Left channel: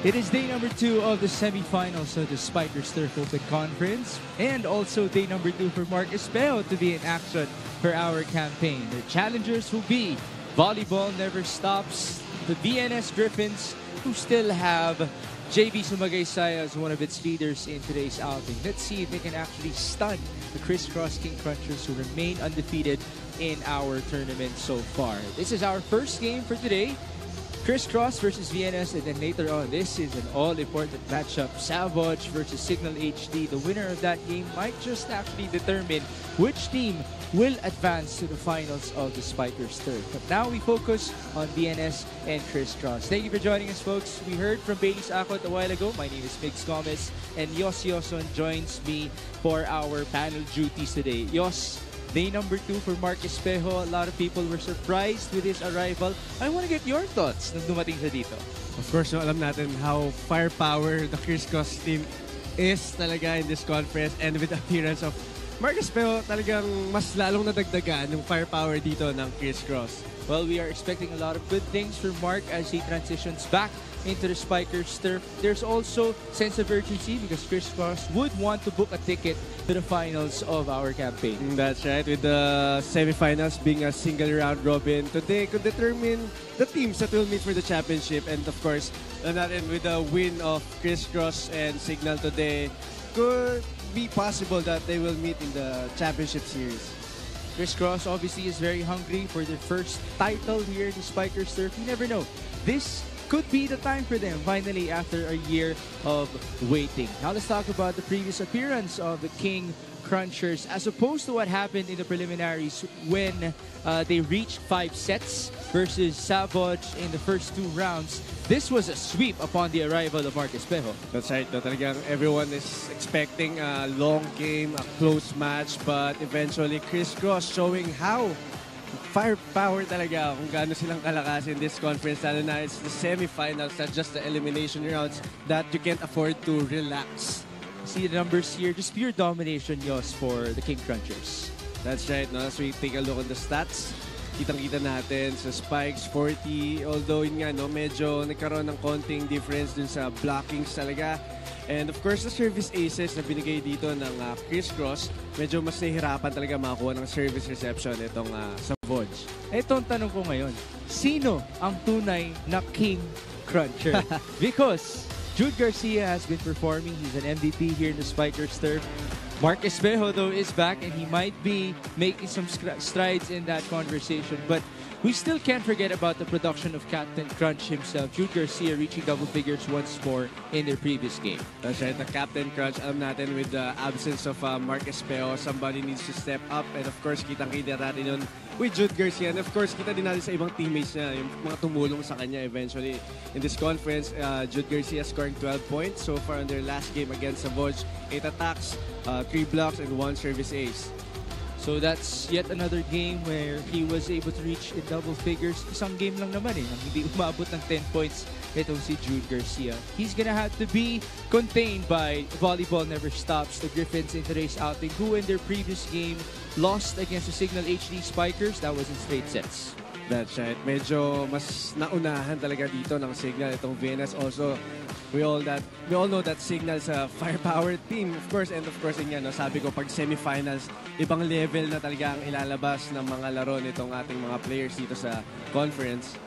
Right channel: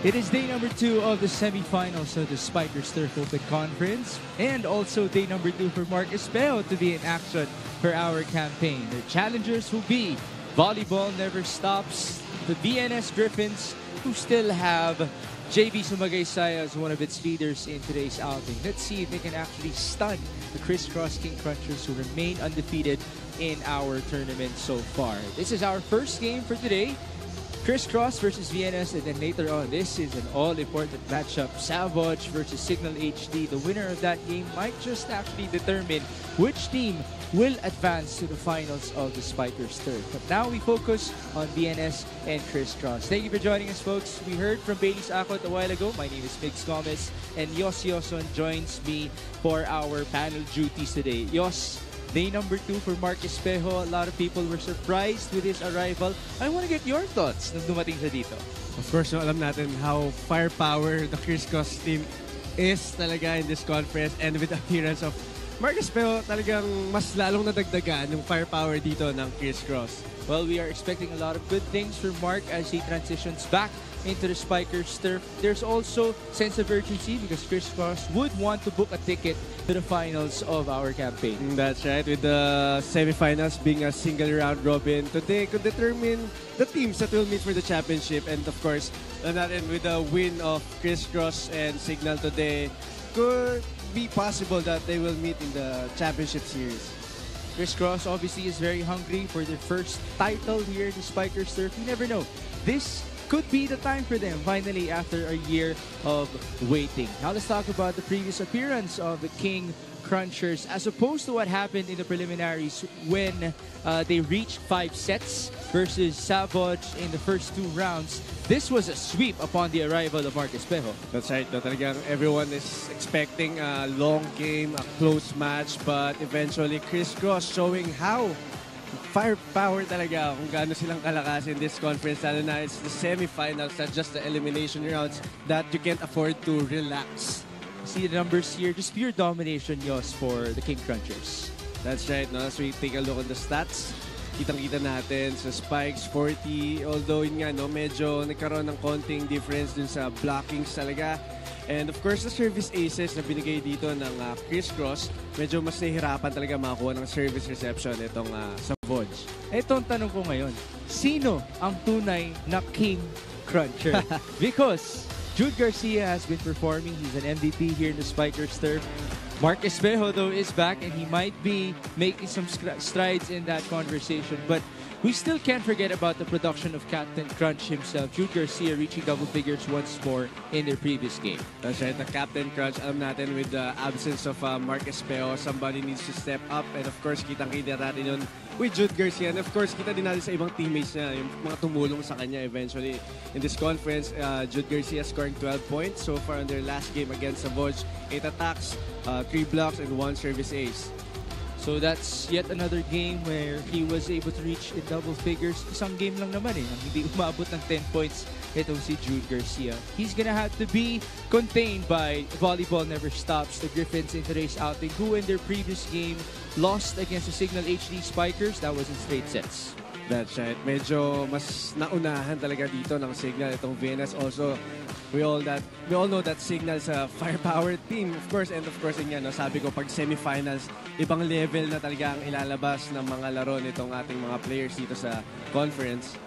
It is day number 2 of the semifinals of the Spikers Turf Open Conference, and also day number 2 for Mark Espejo to be in action for our campaign. The challengers will be Volleyball Never Stops, the VNS Griffins, who still have JB Sumagaysay as one of its leaders in today's outing. Let's see if they can actually stun the Crisscross King Crunchers, who remain undefeated in our tournament so far. This is our first game for today. Crisscross versus VNS, and then later on, this is an all-important matchup. Savage versus Signal HD. The winner of that game might just actually determine which team will advance to the finals of the Spikers Turf. But now we focus on VNS and Crisscross. Thank you for joining us, folks. We heard from Bailey Sakot a while ago. My name is Mix Gomez, and Yos Yoson joins me for our panel duties today. Yos, day number 2 for Mark Espejo. A lot of people were surprised with his arrival. I want to get your thoughts nung dumating siya dito. Of course, alam natin how firepower the Crisscross team is talaga in this conference, and with the appearance of Mark Espejo, talagang mas lalong nadagdagan yung firepower dito ng Crisscross. Well, we are expecting a lot of good things from Mark as he transitions back into the Spikers Turf. There's also sense of urgency because Crisscross would want to book a ticket to the finals of our campaign. That's right. With the semifinals being a single round robin, today could determine the teams that will meet for the championship. And of course, natin with the win of Crisscross and Signal today, could be possible that they will meet in the championship series. Crisscross obviously is very hungry for their first title here in the Spikers Turf. You never know. This could be the time for them, finally, after a year of waiting. Now let's talk about the previous appearance of the King Crunchers, as opposed to what happened in the preliminaries when they reached 5 sets versus Savage in the first 2 rounds. This was a sweep upon the arrival of Mark Espejo. That's right. No, talagang everyone is expecting a long game, a close match, but eventually Crisscross showing how firepower talaga kung gaano silang kalakas in this conference, lalo na it's the semifinals, not just the elimination rounds, that you can't afford to relax. See the numbers here, just pure domination, Yos, for the King Crunchers. That's right. No? As we take a look at the stats, kitang-kita natin sa Spikes 40, although yun nga, no, medyo nagkaroon ng konting difference dun sa blockings talaga. And of course, the service aces na binigay dito ng Crisscross, medyo mas nahihirapan talaga makakuha ng service reception itong Savage. Ito ang tanong ko ngayon, sino ang tunay na King Cruncher? Because Jude Garcia has been performing. He's an MVP here in the Spikers Turf. Mark Espejo, though, is back, and he might be making some strides in that conversation. But we still can't forget about the production of Captain Crunch himself. Jude Garcia reaching double figures once more in their previous game. That's right, the Captain Crunch. Alam natin, with the absence of Mark Espejo, somebody needs to step up. And of course, kitang-kita natin yun with Jude Garcia. And of course, kita din natin sa ibang teammates niya, yung mga tumulong sa kanya eventually. In this conference, Jude Garcia scoring 12 points so far in their last game against Savage. 8 attacks, 3 blocks, and 1 service ace. So that's yet another game where he was able to reach in double figures. Isang game lang naman hindi umabot ng 10 points itong si Jude Garcia. He's gonna have to be contained by Volleyball Never Stops, the Griffins in today's outing, who in their previous game lost against the Signal HD Spikers. That was in straight sets. That's right. Medyo mas naunahan talaga dito ng Signal itong VNS. Also, we all know that Signal's a firepower team, of course, and of course, yun, no, sabi ko, pag semifinals, ibang level na talaga ang ilalabas ng mga laro nitong ating mga players dito sa conference.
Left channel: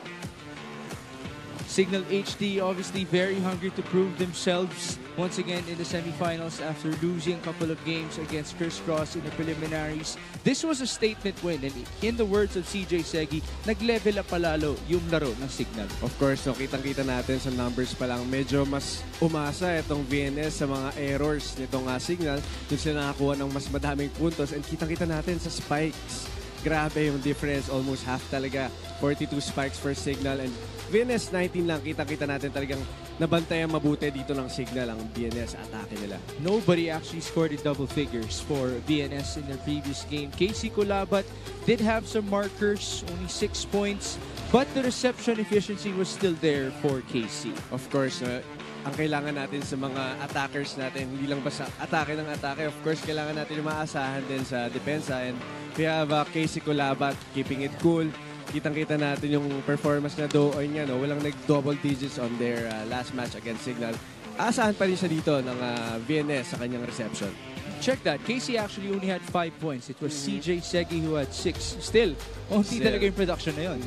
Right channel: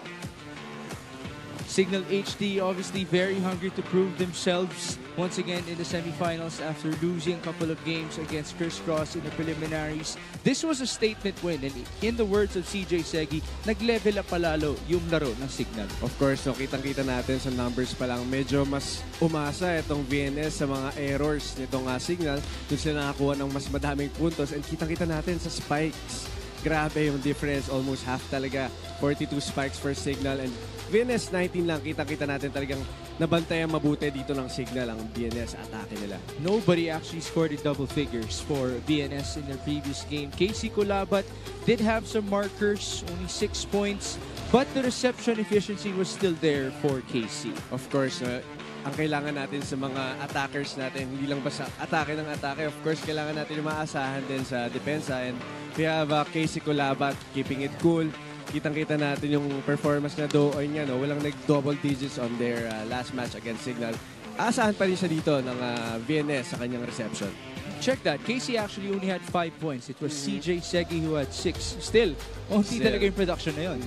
Signal HD obviously very hungry to prove themselves once again in the semifinals after losing a couple of games against Crisscross in the preliminaries. This was a statement win, and in the words of CJ Segi, nag-level up palalo yung laro ng Signal. Of course, so kitang-kita natin sa numbers pa lang, medyo mas umasa itong VNS sa mga errors nitong Signal. Doon sila nakakuha ng mas madaming puntos, and kitang-kita natin sa spikes. Grabe yung difference, almost half talaga. 42 spikes for Signal, and VNS 19 lang. Kita-kita natin talagang nabantayan mabuti dito ng Signal ang VNS atake nila. Nobody actually scored in double figures for VNS in their previous game. Casey Colabat did have some markers, only 6 points, but the reception efficiency was still there for Casey. Of course, ang kailangan natin sa mga attackers natin, hindi lang basta atake ng atake. Of course, kailangan natin maasahan din sa depensa, and we have Casey Colabat keeping it cool. kitang-kita natin yung performance na Dooy niya, no? Walang nag-double digits on their last match against Signal. Asahan pa rin siya dito ng VNS sa kanyang reception. Check that. Casey actually only had 5 points. It was CJ Segi who had 6. Still, onti talaga yung production na yun.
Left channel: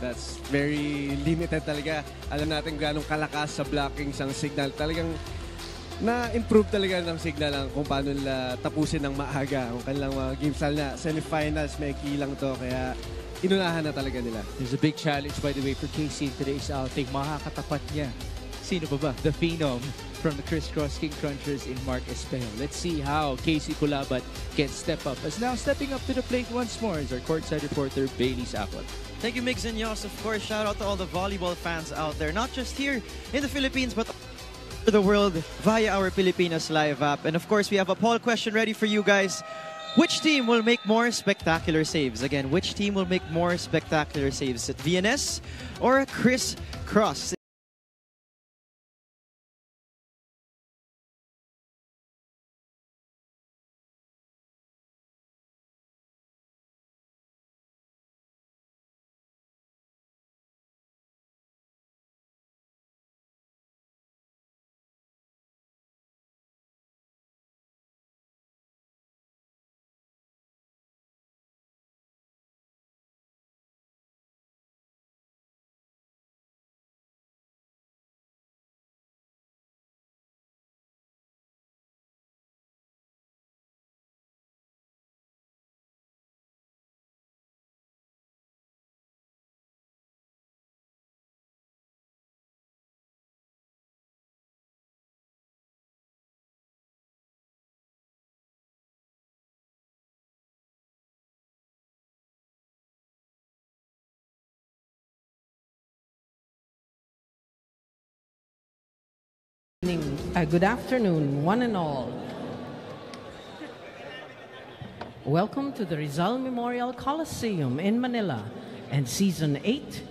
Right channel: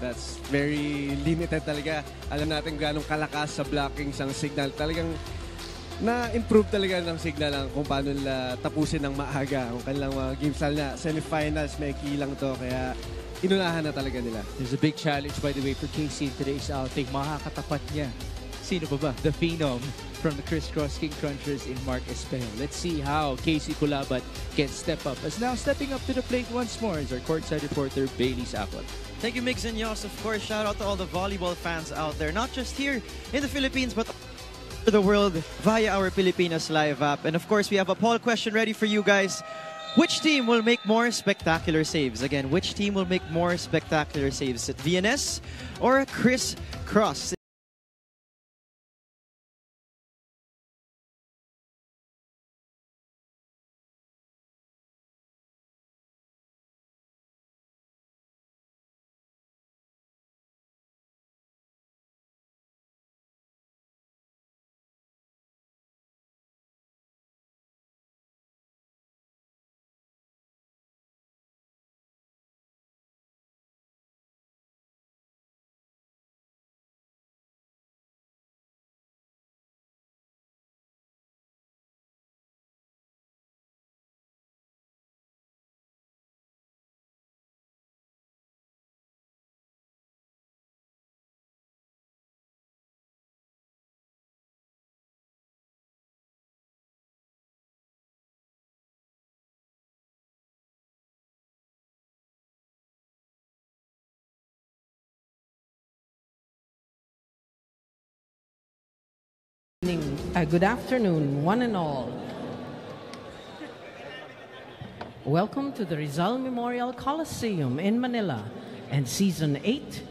That's very limited talaga. Alam natin ganong kalakas sa blocking sang Signal. Talagang na-improve talaga ng Signal ang kung paano nila tapusin ng maaga ang kanilang mga game style na semifinals. May kilang to. Kaya inunahan na talaga nila. There's a big challenge, by the way, for Casey in today's outing. Makakatapat niya. Sino ba ba? The Phenom from the Crisscross King Crunchers in Mark Espejo. Let's see how Casey Culabat can step up. As now stepping up to the plate once more is our courtside reporter, Bailey Sapot. Thank you, Migs and Yos. Of course, shout out to all the volleyball fans out there, not just here in the Philippines, but to the world via our Pilipinas Live app. And of course, we have a poll question ready for you guys. Which team will make more spectacular saves? Again, which team will make more spectacular saves? VNS or Chris Cross? Good afternoon, one and all. Welcome to the Rizal Memorial Coliseum in Manila and Season 8,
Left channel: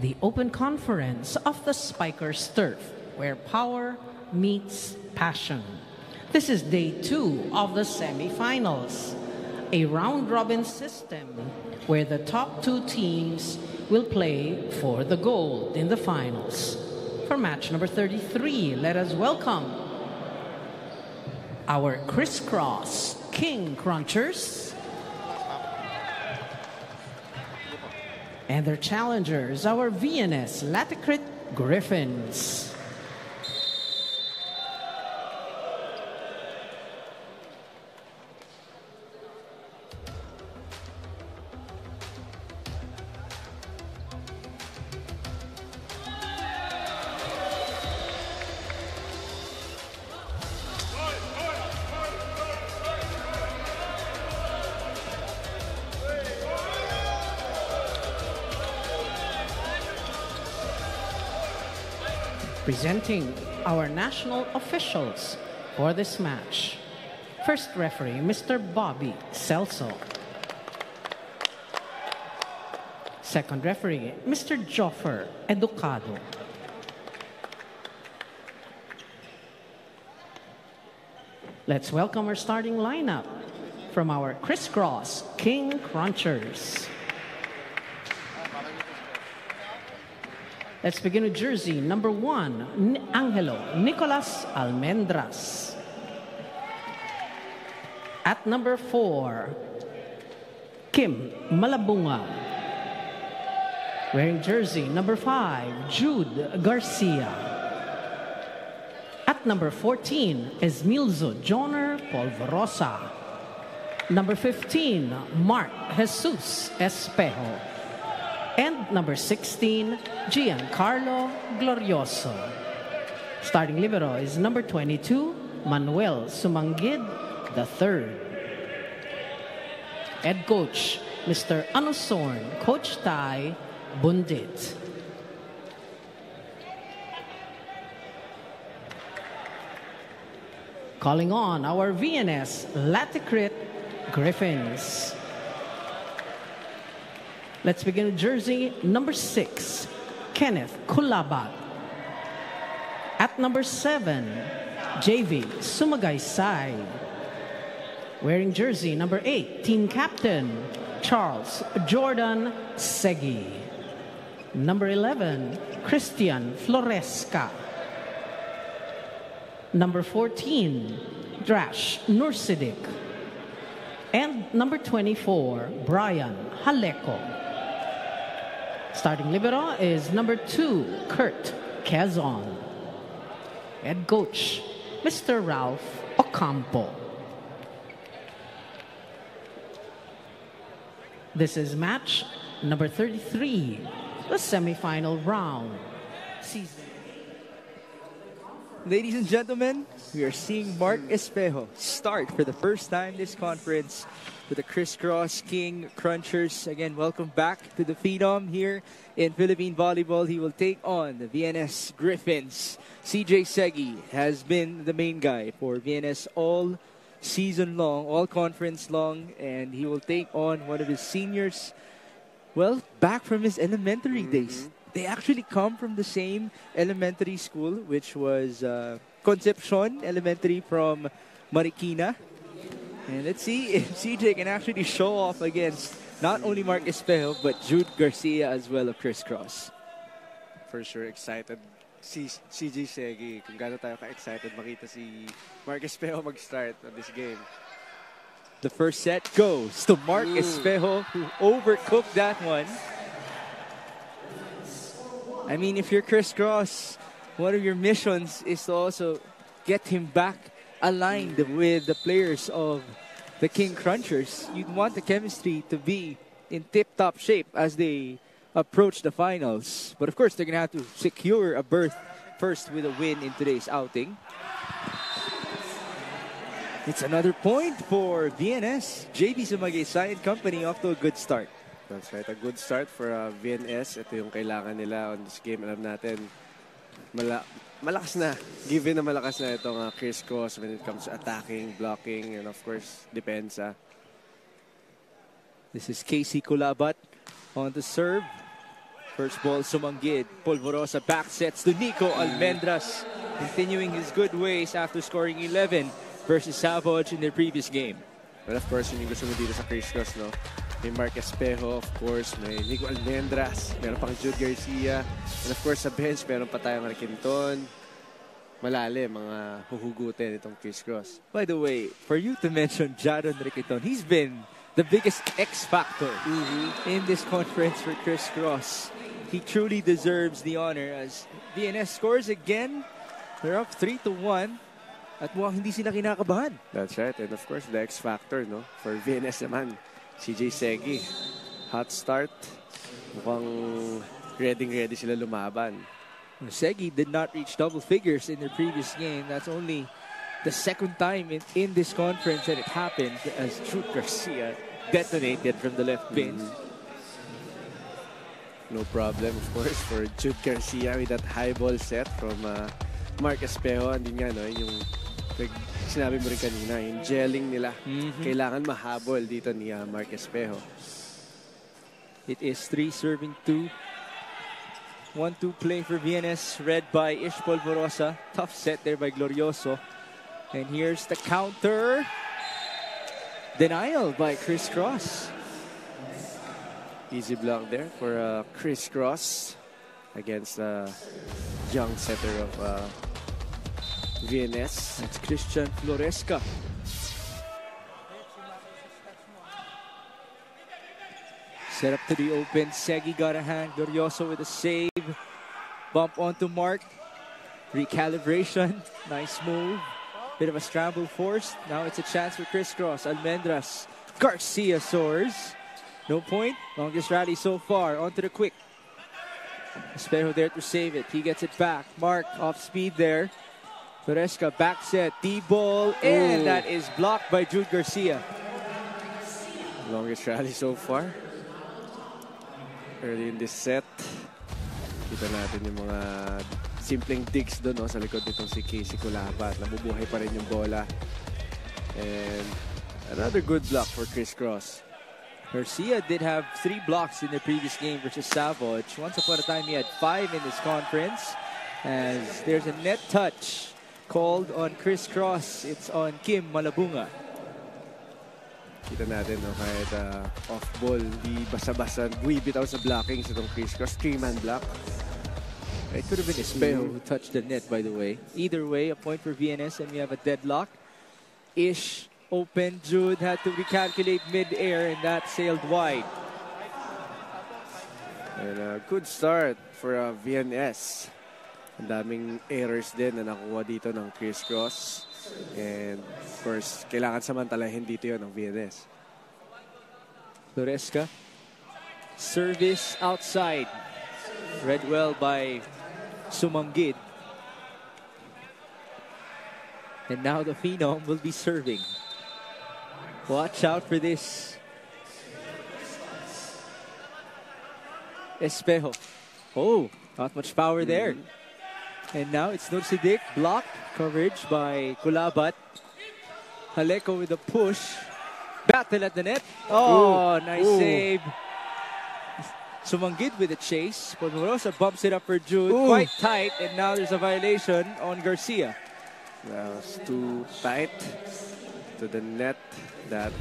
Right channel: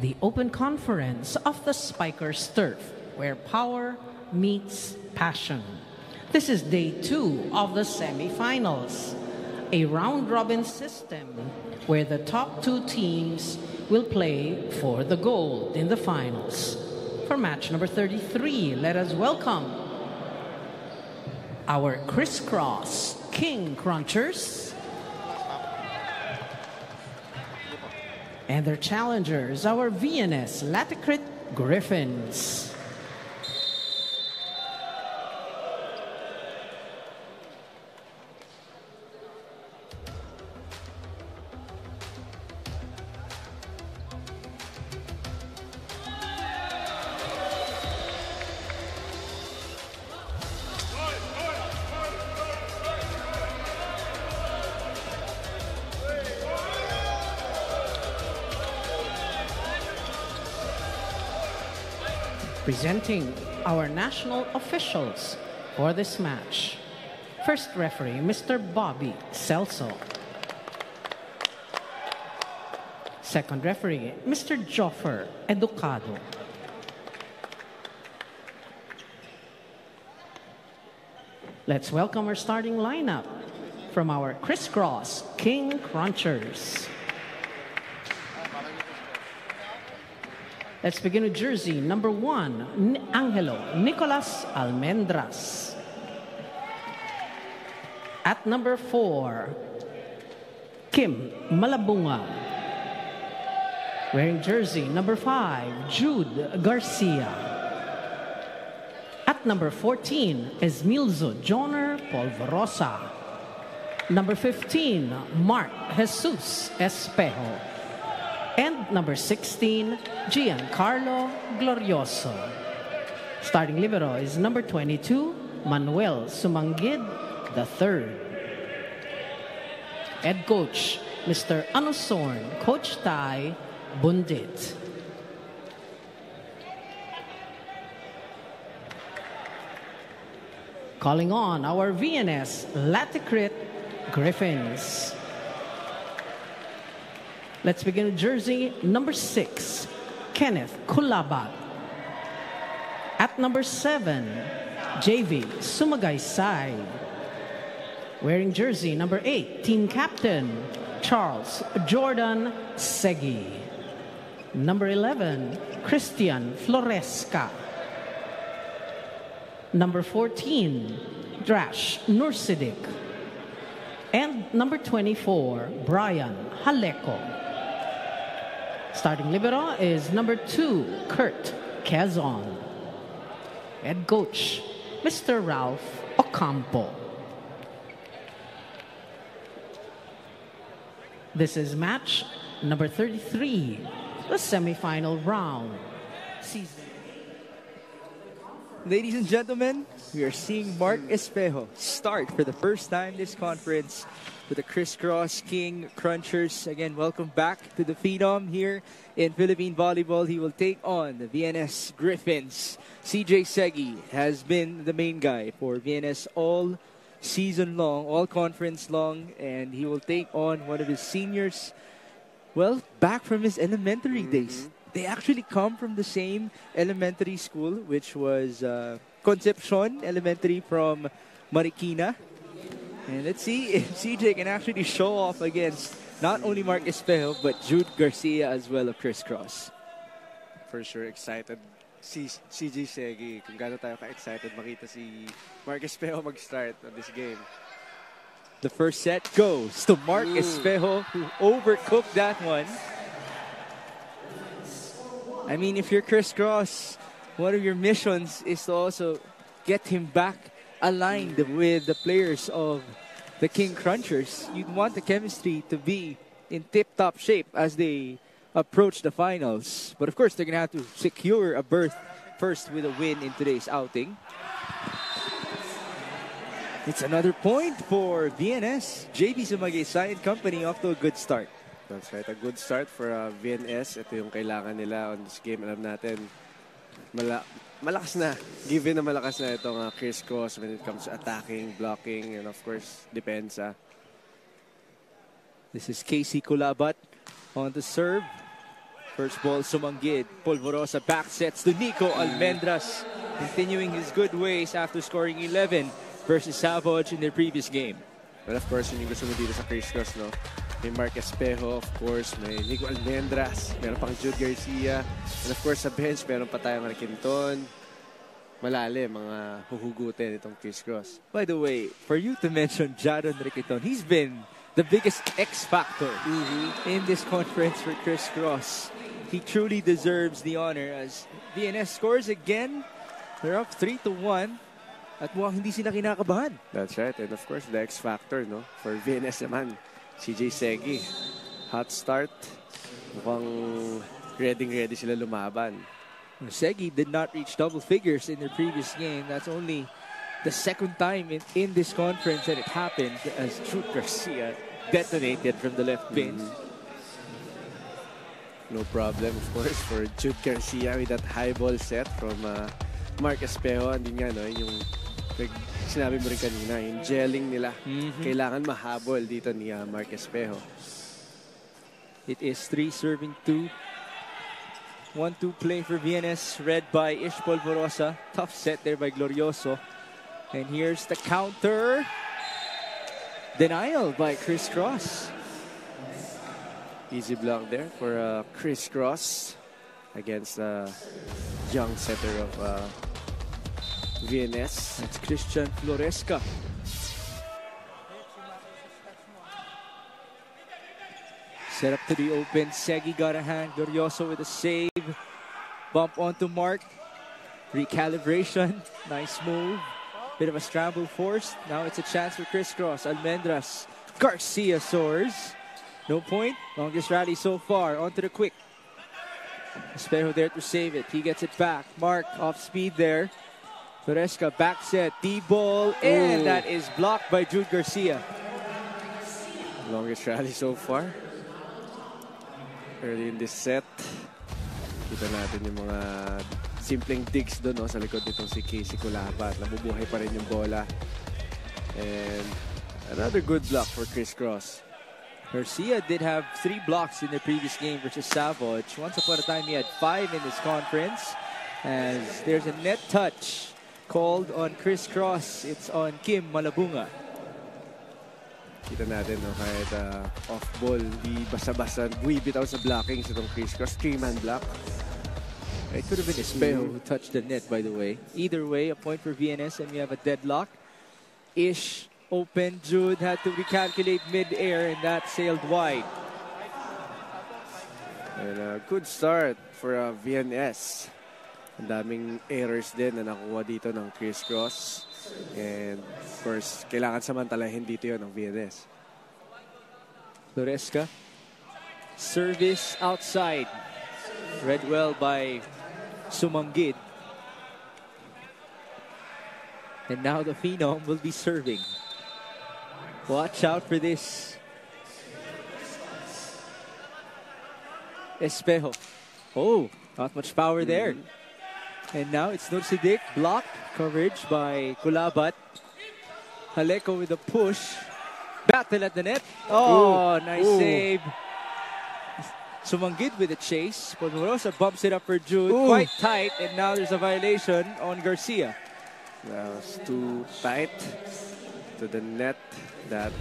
the Open Conference of the Spikers Turf, where power meets passion. This is Day 2 of the semifinals, a round-robin system where the top 2 teams will play for the gold in the finals. For match number 33, let us welcome our Crisscross King Crunchers and their challengers, our VNS Laticrit Griffins. Presenting our national officials for this match. First referee, Mr. Bobby Celso. Second referee, Mr. Joffer Educado. Let's welcome our starting lineup from our Crisscross King Crunchers. Let's begin with jersey number 1, Angelo Nicolas Almendras. At number 4, Kim Malabunga. Wearing jersey number 5, Jude Garcia. At number 14, Esmilzo Joner Polvorosa. Number 15, Mark Jesus Espejo. And number 16, Giancarlo Glorioso. Starting libero is number 22, Manuel Sumangid III. Head coach, Mr. Anusorn, Coach Tai Bundit. Calling on our VNS Laticrit Griffins. Let's begin with jersey number 6, Kenneth Culabat. At number 7, JV Sumagaysay. Wearing jersey number 8, team captain, Charles Jordan Segi. Number 11, Christian Floresca. Number 14, Drash Nursidik. And number 24, Brian Haleko. Starting libero is number 2, Kurt Quezon. Head coach, Mr. Ralph Ocampo. This is match number 33, the semifinal round. Ladies and gentlemen, we are seeing Mark Espejo start for the first time this conference with the Crisscross King Crunchers. Again, welcome back to the Phenom here in Philippine Volleyball. He will take on the VNS Griffins. CJ Segi has been the main guy for VNS all season long, all conference long, and he will take on one of his seniors, well, back from his elementary days. They actually come from the same elementary school, which was Concepcion Elementary from Marikina. And let's see if CJ can actually show off against not only Mark Espejo, but Jude Garcia as well of Crisscross. For sure, excited si CJ Segi. Kung gaano tayo ka-excited makita si Mark Espejo mag-start on this game. The first set goes to Mark Espejo, who overcooked that one. I mean, if you're Crisscross, one of your missions is to also get him back aligned with the players of the King Crunchers. You'd want the chemistry to be in tip-top shape as they approach the finals. But of course, they're going to have to secure a berth first with a win in today's outing. It's another point for VNS. JB Sumagay Company off to a good start. That's right, a good start for VNS. Ito yung kailangan nila on this game. Alam natin, malakas na. Given na malakas na itong Crisscross when it comes to attacking, blocking, and of course, depensa. This is Casey Kulabat on the serve. First ball, Sumanggid. Polvorosa back sets to Nico Almendras, continuing his good ways after scoring 11 versus Savage in their previous game. Well, of course, yun yung gusto mo dito sa Crisscross, no? May Mark Espejo, of course. May Nico Almendras. Meron pang Jude Garcia. And of course, sa bench, meron pa tayong Marquinton. Malalim, mga huhugutin itong Crisscross. By the way, for you to mention Jaron Riquiton, he's been the biggest X factor in this conference for Crisscross. He truly deserves the honor as VNS scores again. They're up 3-1. At mukhang hindi sila kinakabahan. That's right. And of course, the X factor, no? For VNS naman, CJ Segi. Hot start. Mukhang ready sila lumaban. Segi did not reach double figures in their previous game. That's only the second time in this conference that it happened as Jude Garcia detonated from the left pin. No problem, of course, for Jude Garcia with that high ball set from Mark Espejo. Andun nga, no? Yung sinabi mo rin kanina, yung gelling nila. Kailangan mahabol dito ni Mark Espejo. It is 3 serving 2. 1-2 play for VNS, read by Ish Polvorosa. Tough set there by Glorioso. And here's the counter. Denial by Crisscross. Easy block there for Crisscross against the young setter of VNS. That's Christian Floresca. Set up to the open. Segi got a hand. Glorioso with a save. Bump onto Mark. Recalibration. Nice move. Bit of a scramble forced. Now it's a chance for Crisscross. Almendras. Garcia soars. No point. Longest rally so far. Onto the quick. Espejo there to save it. He gets it back. Mark off speed there. Floresca back set. D-ball. And that is blocked by Jude Garcia. Longest rally so far. Early in this set. Kita natin yung mga simpleng digs doon, no, sa likod nitong si Casey Kulabat. Nabubuhay pa rin yung bola. And another good block for Crisscross. Garcia did have 3 blocks in the previous game versus Savage. Once upon a time, he had 5 in this conference. As there's a net touch called on Crisscross. It's on Kim Malabunga. Kita natin, no, kahit off-ball, di basa-basa buwibitaw sa blocking sa itong crisscross. 3-man block. It could have been Espejo who touched the net, by the way. Either way, a point for VNS, and we have a deadlock. Ish open. Jude had to recalculate mid-air, and that sailed wide. And a good start for VNS. Ang daming errors din na nakuha dito ng crisscross. And of course, kailangan samantalahin dito yun ng VNS. Loresca. Service outside. Read well by Sumanggid. And now the Phenom will be serving. Watch out for this. Espejo. Oh, not much power there. And now it's Nursidik. Block coverage by Kulabat. Haleko with a push. Battle at the net. Oh, nice save. Sumanggid with a chase. Ponorosa bumps it up for Jude. Quite tight. And now there's a violation on Garcia. That was too tight to the net. That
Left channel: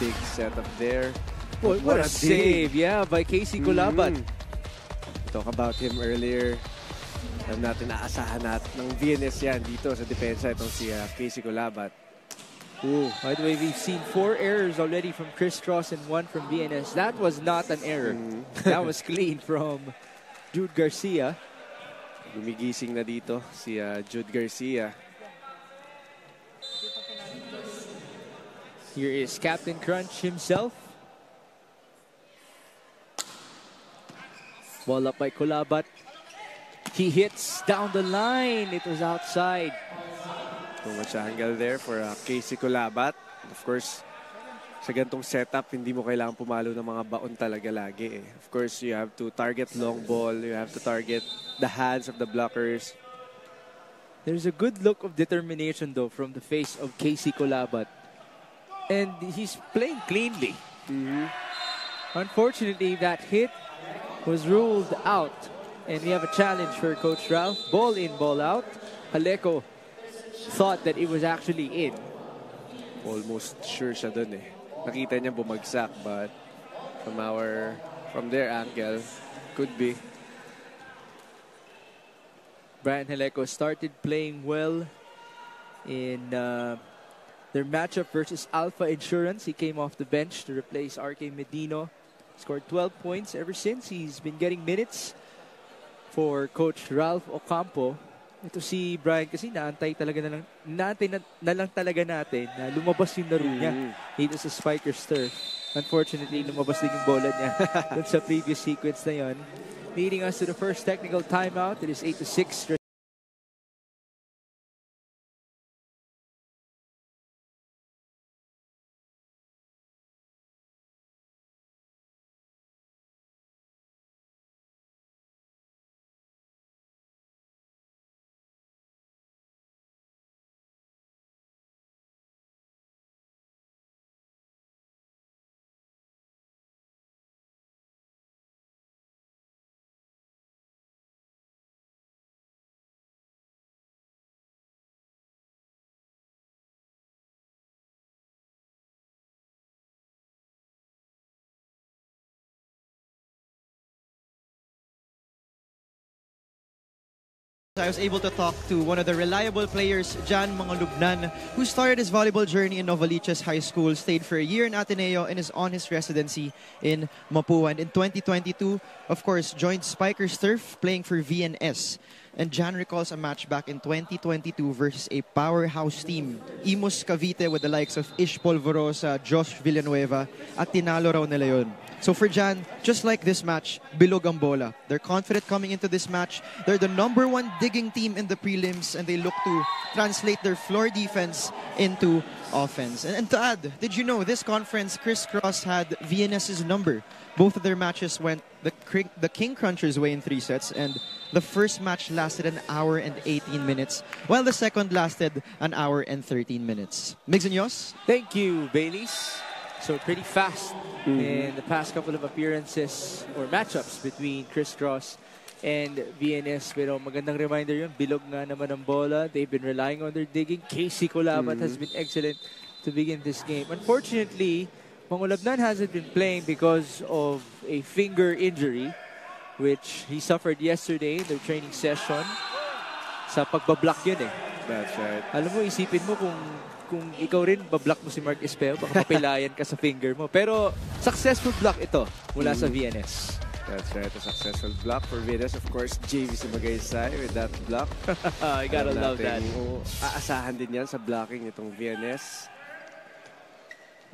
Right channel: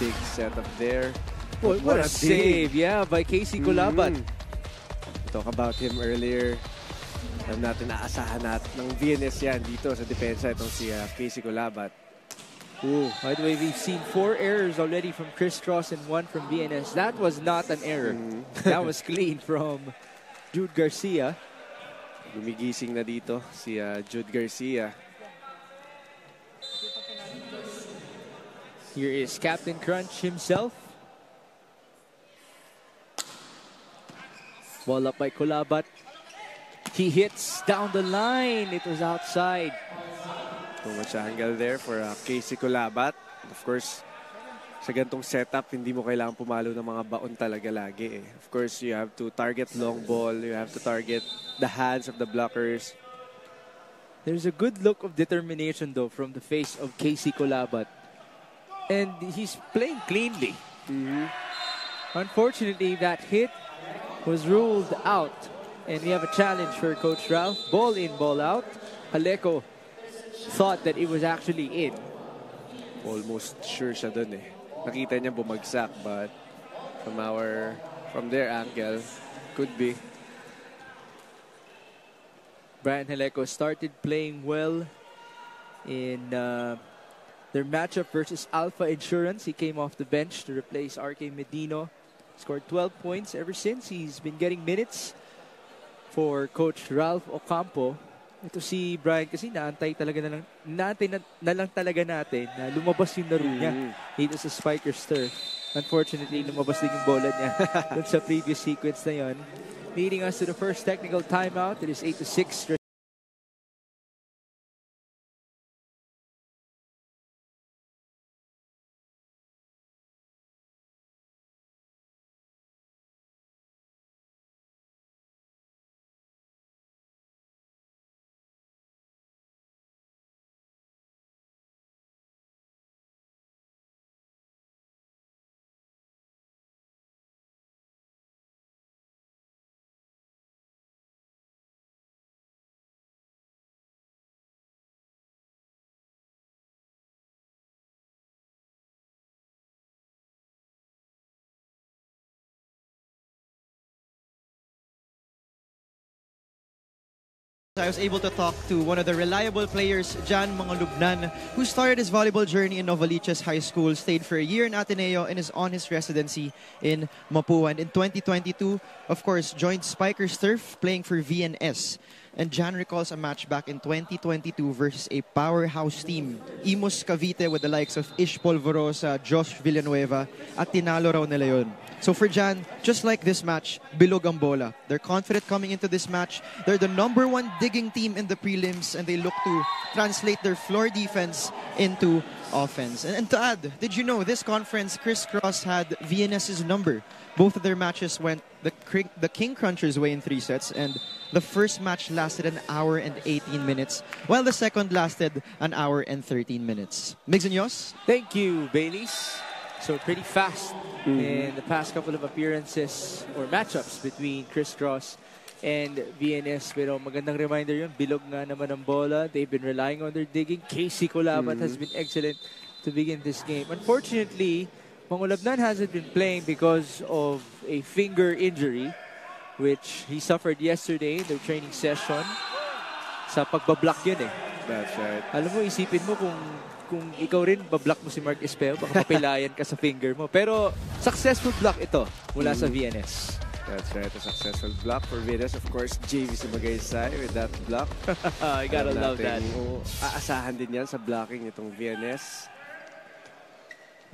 big setup there. What a save, yeah, by Casey Kulabat. Talk about him earlier. Alam natin, naasahan natin ng VNS yan dito sa depensa itong si Casey Kulabat. By the way, we've seen 4 errors already from Chris Cross and 1 from VNS. That was not an error. That was clean from Jude Garcia. Lumigising na dito si Jude Garcia. Here is Captain Crunch himself. Ball up by Kulabat. He hits down the line. It was outside. Too much angle there for Casey Kulabat. Of course, sa gantong setup, hindi mo kailangan pumalo ng mga baon talaga lagi. Of course, you have to target long ball. You have to target the hands of the blockers. There's a good look of determination, though, from the face of Casey Kulabat. And he's playing cleanly. Unfortunately, that hit was ruled out. And we have a challenge for Coach Ralph. Ball in, ball out. Haleko thought that it was actually in. Almost sure siya dun eh. Nakita niya bumagsak, but from their angle, could be. Brian Haleko started playing well in their matchup versus Alpha Insurance. He came off the bench to replace RK Medino. Scored 12 points ever since. He's been getting minutes for Coach Ralph Ocampo. Ito si Brian kasi naantay na lang talaga natin na lumabas yung laro niya dito sa Spikers Turf. Unfortunately, lumabas din yung bola niya dun sa previous sequence na yon. Leading us to the first technical timeout. It is 8-6. I was able to talk to one of the reliable players, Jan Mangalubnan, who started his volleyball journey in Novaliches High School, stayed for a year in Ateneo, and is on his residency in Mapua. And in 2022, of course, joined Spikers Turf, playing for VNS. And Jan recalls a match back in 2022 versus a powerhouse team, Imus Cavite, with the likes of Ish Polvorosa, Josh Villanueva, at tinalo raw nila yun. So for Jan, just like this match, bilog ang bola. They're confident coming into this match. They're the #1 digging team in the prelims, and they look to translate their floor defense into offense. And to add, did you know this conference, Chris Cross had VNS's number? Both of their matches went the King Crunchers way in 3 sets, and the first match lasted 1 hour and 18 minutes, while the second lasted 1 hour and 13 minutes. Migs and Yos? Thank you, Baileys. So pretty fast in the past couple of appearances or matchups between Chris Cross and VNS. Pero magandang reminder yun, bilog nga naman ang bola. They've been relying on their digging. Casey Kulabat has been excellent to begin this game. Unfortunately, Pangulabnan hasn't been playing because of a finger injury, which he suffered yesterday in their training session. Sa pagbablock yun eh. That's right. Alam mo, isipin mo kung ikaw rin bablock mo si Mark Espejo, baka mapilayan ka sa finger mo. Pero successful block ito mula sa VNS. That's right, a successful block for Venus. Of course, JV Sumagaysay with that block. I gotta love that. Aasahan din yan sa blocking itong VNS.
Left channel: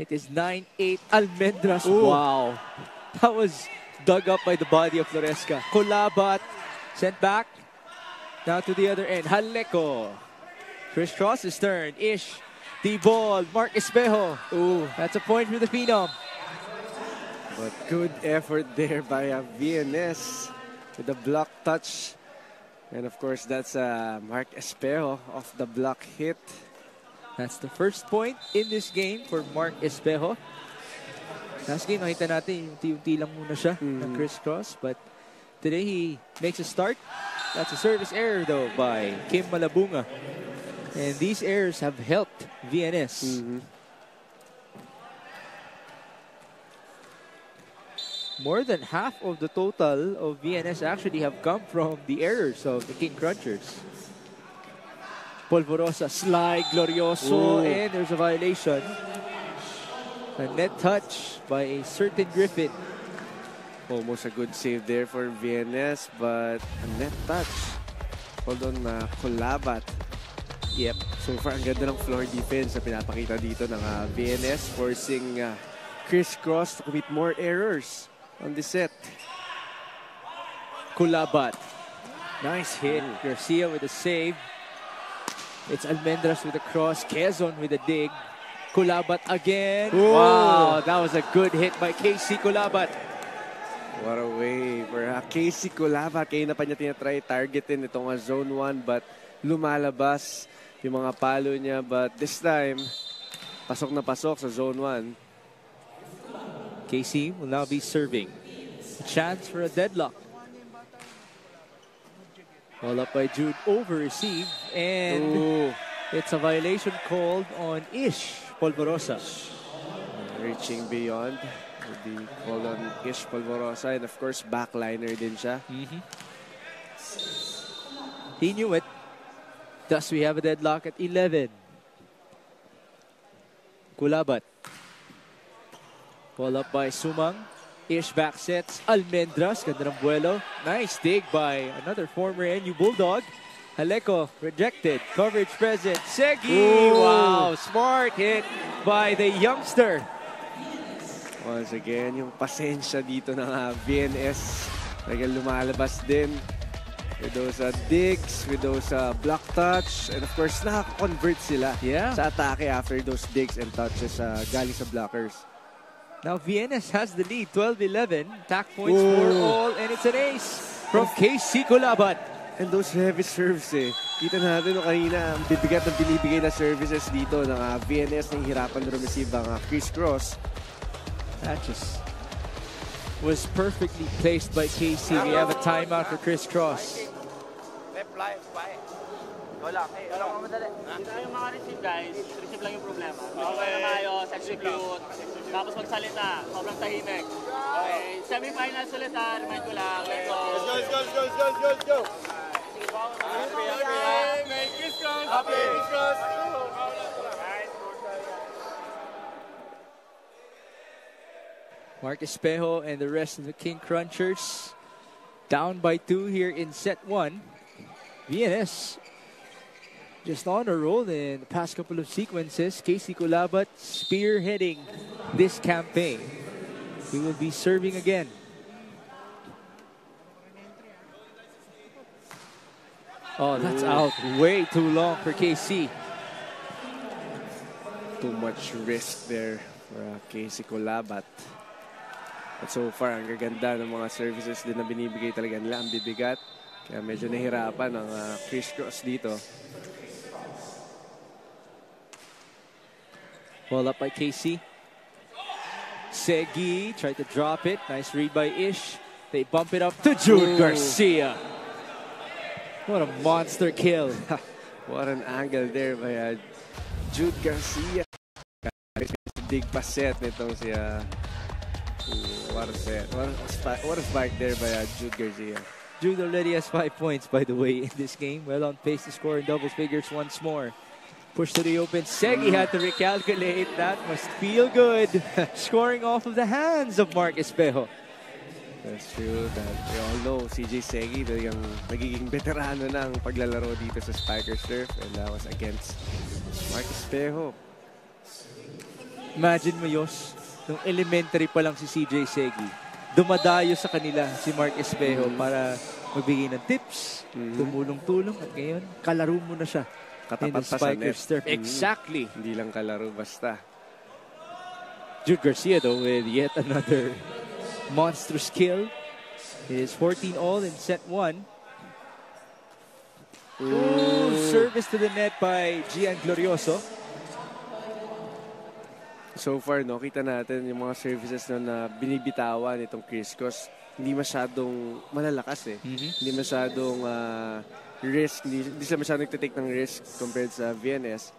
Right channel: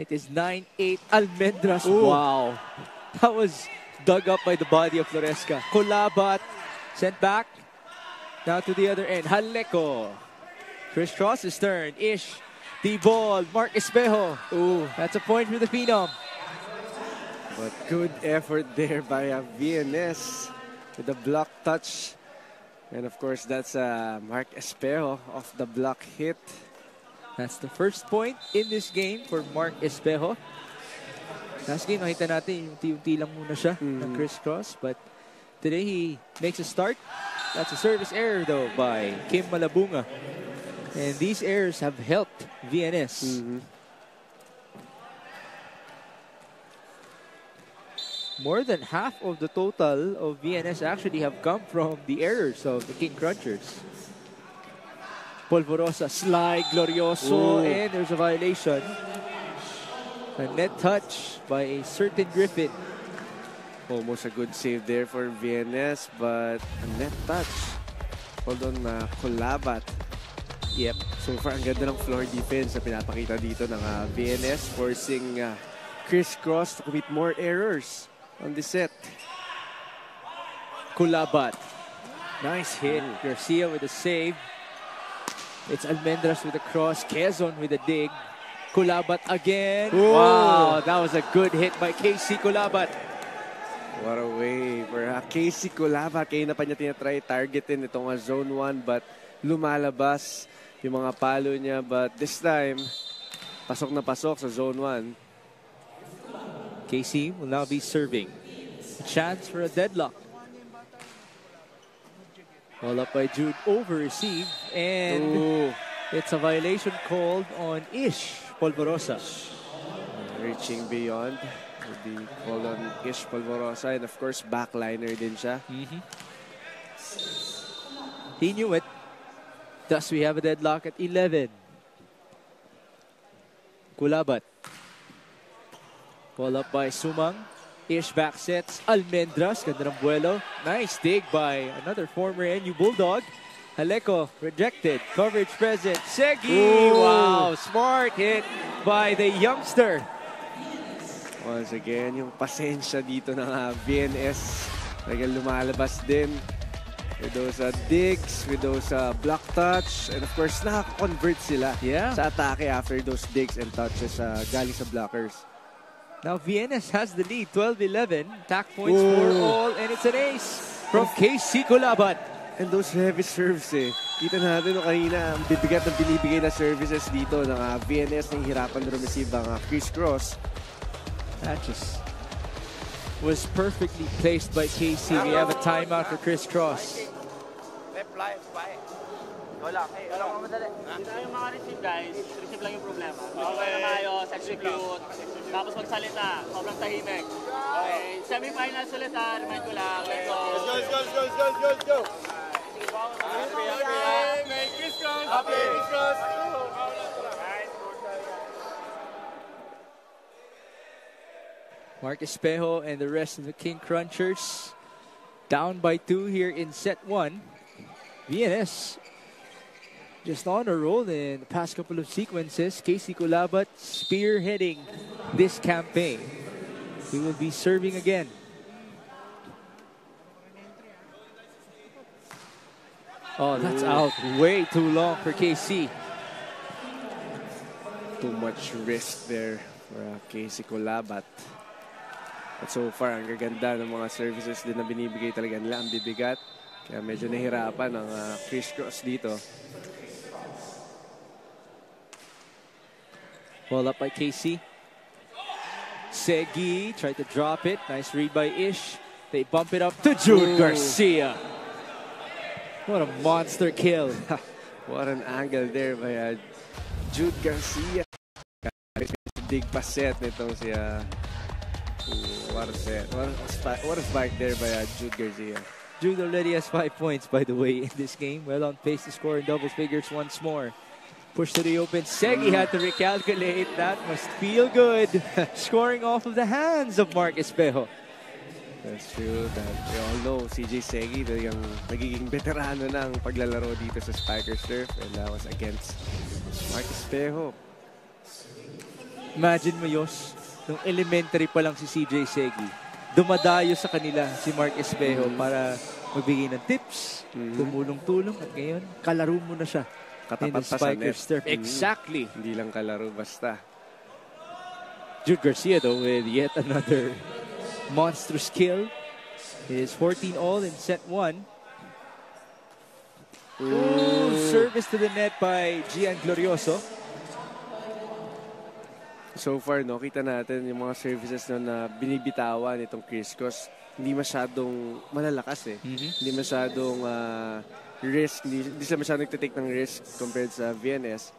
It is 9-8 Almendras. Ooh. Wow. That was dug up by the body of Floresca. Kulabat sent back. Now to the other end. Haleko. Crisscross is turned. Ish. The ball. Mark Espejo. Ooh. That's a point for the Phenom. But good effort there by VNS with the block touch. And of course, that's Mark Espejo off the block hit. That's the first point in this game for Mark Espejo. Last game, nakita natin, unti-unti lang muna siya ng crisscross. But today, he makes a start. That's a service error, though, by Kim Malabunga. And these errors have helped VNS. More than half of the total of VNS actually have come from the errors of the King Crunchers. Polvorosa, slide, Glorioso, and there's a violation. A net touch by a certain Griffin. Almost a good save there for VNS, but a net touch. Hold on, Kulabat. Yep. So far, ang ganda ng floor defense na pinapakita dito ng VNS, forcing Crisscross to commit more errors on the set. Kulabat. Nice hit. Garcia with a save. It's Almendras with a cross. Quezon with a dig. Kulabat again. Ooh. Wow, that was a good hit by KC Kulabat. What a way for KC Kulabat. Kaya na pa niya tinatry targetin itong zone 1, but lumalabas yung mga palo niya. But this time, pasok na pasok sa zone 1. KC will now be serving. A chance for a deadlock. Ball up by Jude, over receive, and it's a violation called on Ish Polvorosa. Reaching beyond will be called on Ish Polvorosa, and of course backliner din siya. He knew it. Thus we have a deadlock at 11. Kulabat. Ball up by Sumang. Ish back sets. Almendras. Ganda ng buwelo. Nice dig by another former NU Bulldog. Haleko rejected. Coverage present. Segi. Ooh. Wow. Smart hit by the youngster. Once again, yung pasensya dito ng VNS. Talagang lumalabas din. With those digs, with those block touch. And of course, nakakonvert sila sa atake after those digs and touches galing sa blockers. Now VNS has the lead, 12-11. Attack points for all, and it's an ace from KC Kulabat. And those heavy serves Kita natin kanina, bibigat na binibigay na services dito ng VNS na hirapan na receive ang crisscross. That just was perfectly placed by KC. We have a timeout for crisscross. Wala. Madali. Dito yung mga receive, guys. Receive lang yung problema. Okay na maayos, execute. Tapos magsalita. Sobrang tahimik. Okay. Semifinals ulit remind ko lang. Let's go. Let's go. Merry Christmas. Happy Christmas. Mark Espejo and the rest of the King Crunchers down by 2 here in set 1. VNS just on a roll in the past couple of sequences. KC Kulabat spearheading this campaign. He will be serving again. Oh, that's out way too long for KC. Too much risk there for KC Kulabat. At so far, ang gaganda ng mga services din na binibigay talaga nila. Ang bibigat. Kaya medyo nahirapan ang crisscross dito. Ball up by KC. Segi tried to drop it. Nice read by Ish. They bump it up to Jude Garcia. What a monster kill. What an angle there by Jude Garcia. big paset nitong si what a spike there by Jude Garcia. Jude already has 5 points, by the way, in this game. Well on pace to score in double figures once more. Push to the open. Segi had to recalculate. That must feel good. Scoring off of the hands of Mark Espejo. That's true. That we all know, CJ Segi, talagang nagiging veterano ng paglalaro dito sa Spikers Turf. And that was against Mark Espejo. Imagine mo, Yos, nung elementary pa lang si CJ Segi, dumadayo sa kanila si Mark Espejo para magbigay ng tips, tumulong-tulong, at ngayon, kalaro mo na siya. Katapat pa sa net. Exactly. Hindi lang kalaro basta. Jude Garcia, though, with yet another monstrous kill. His 14 all in set 1. Ooh, service to the net by Gian Glorioso. So far, no, kita natin yung mga services na binibitawan itong Chris Cross. Hindi masyadong malalakas eh. Hindi masyadong risk. Hindi sila masyadong nagtitake ng risk compared sa VNS.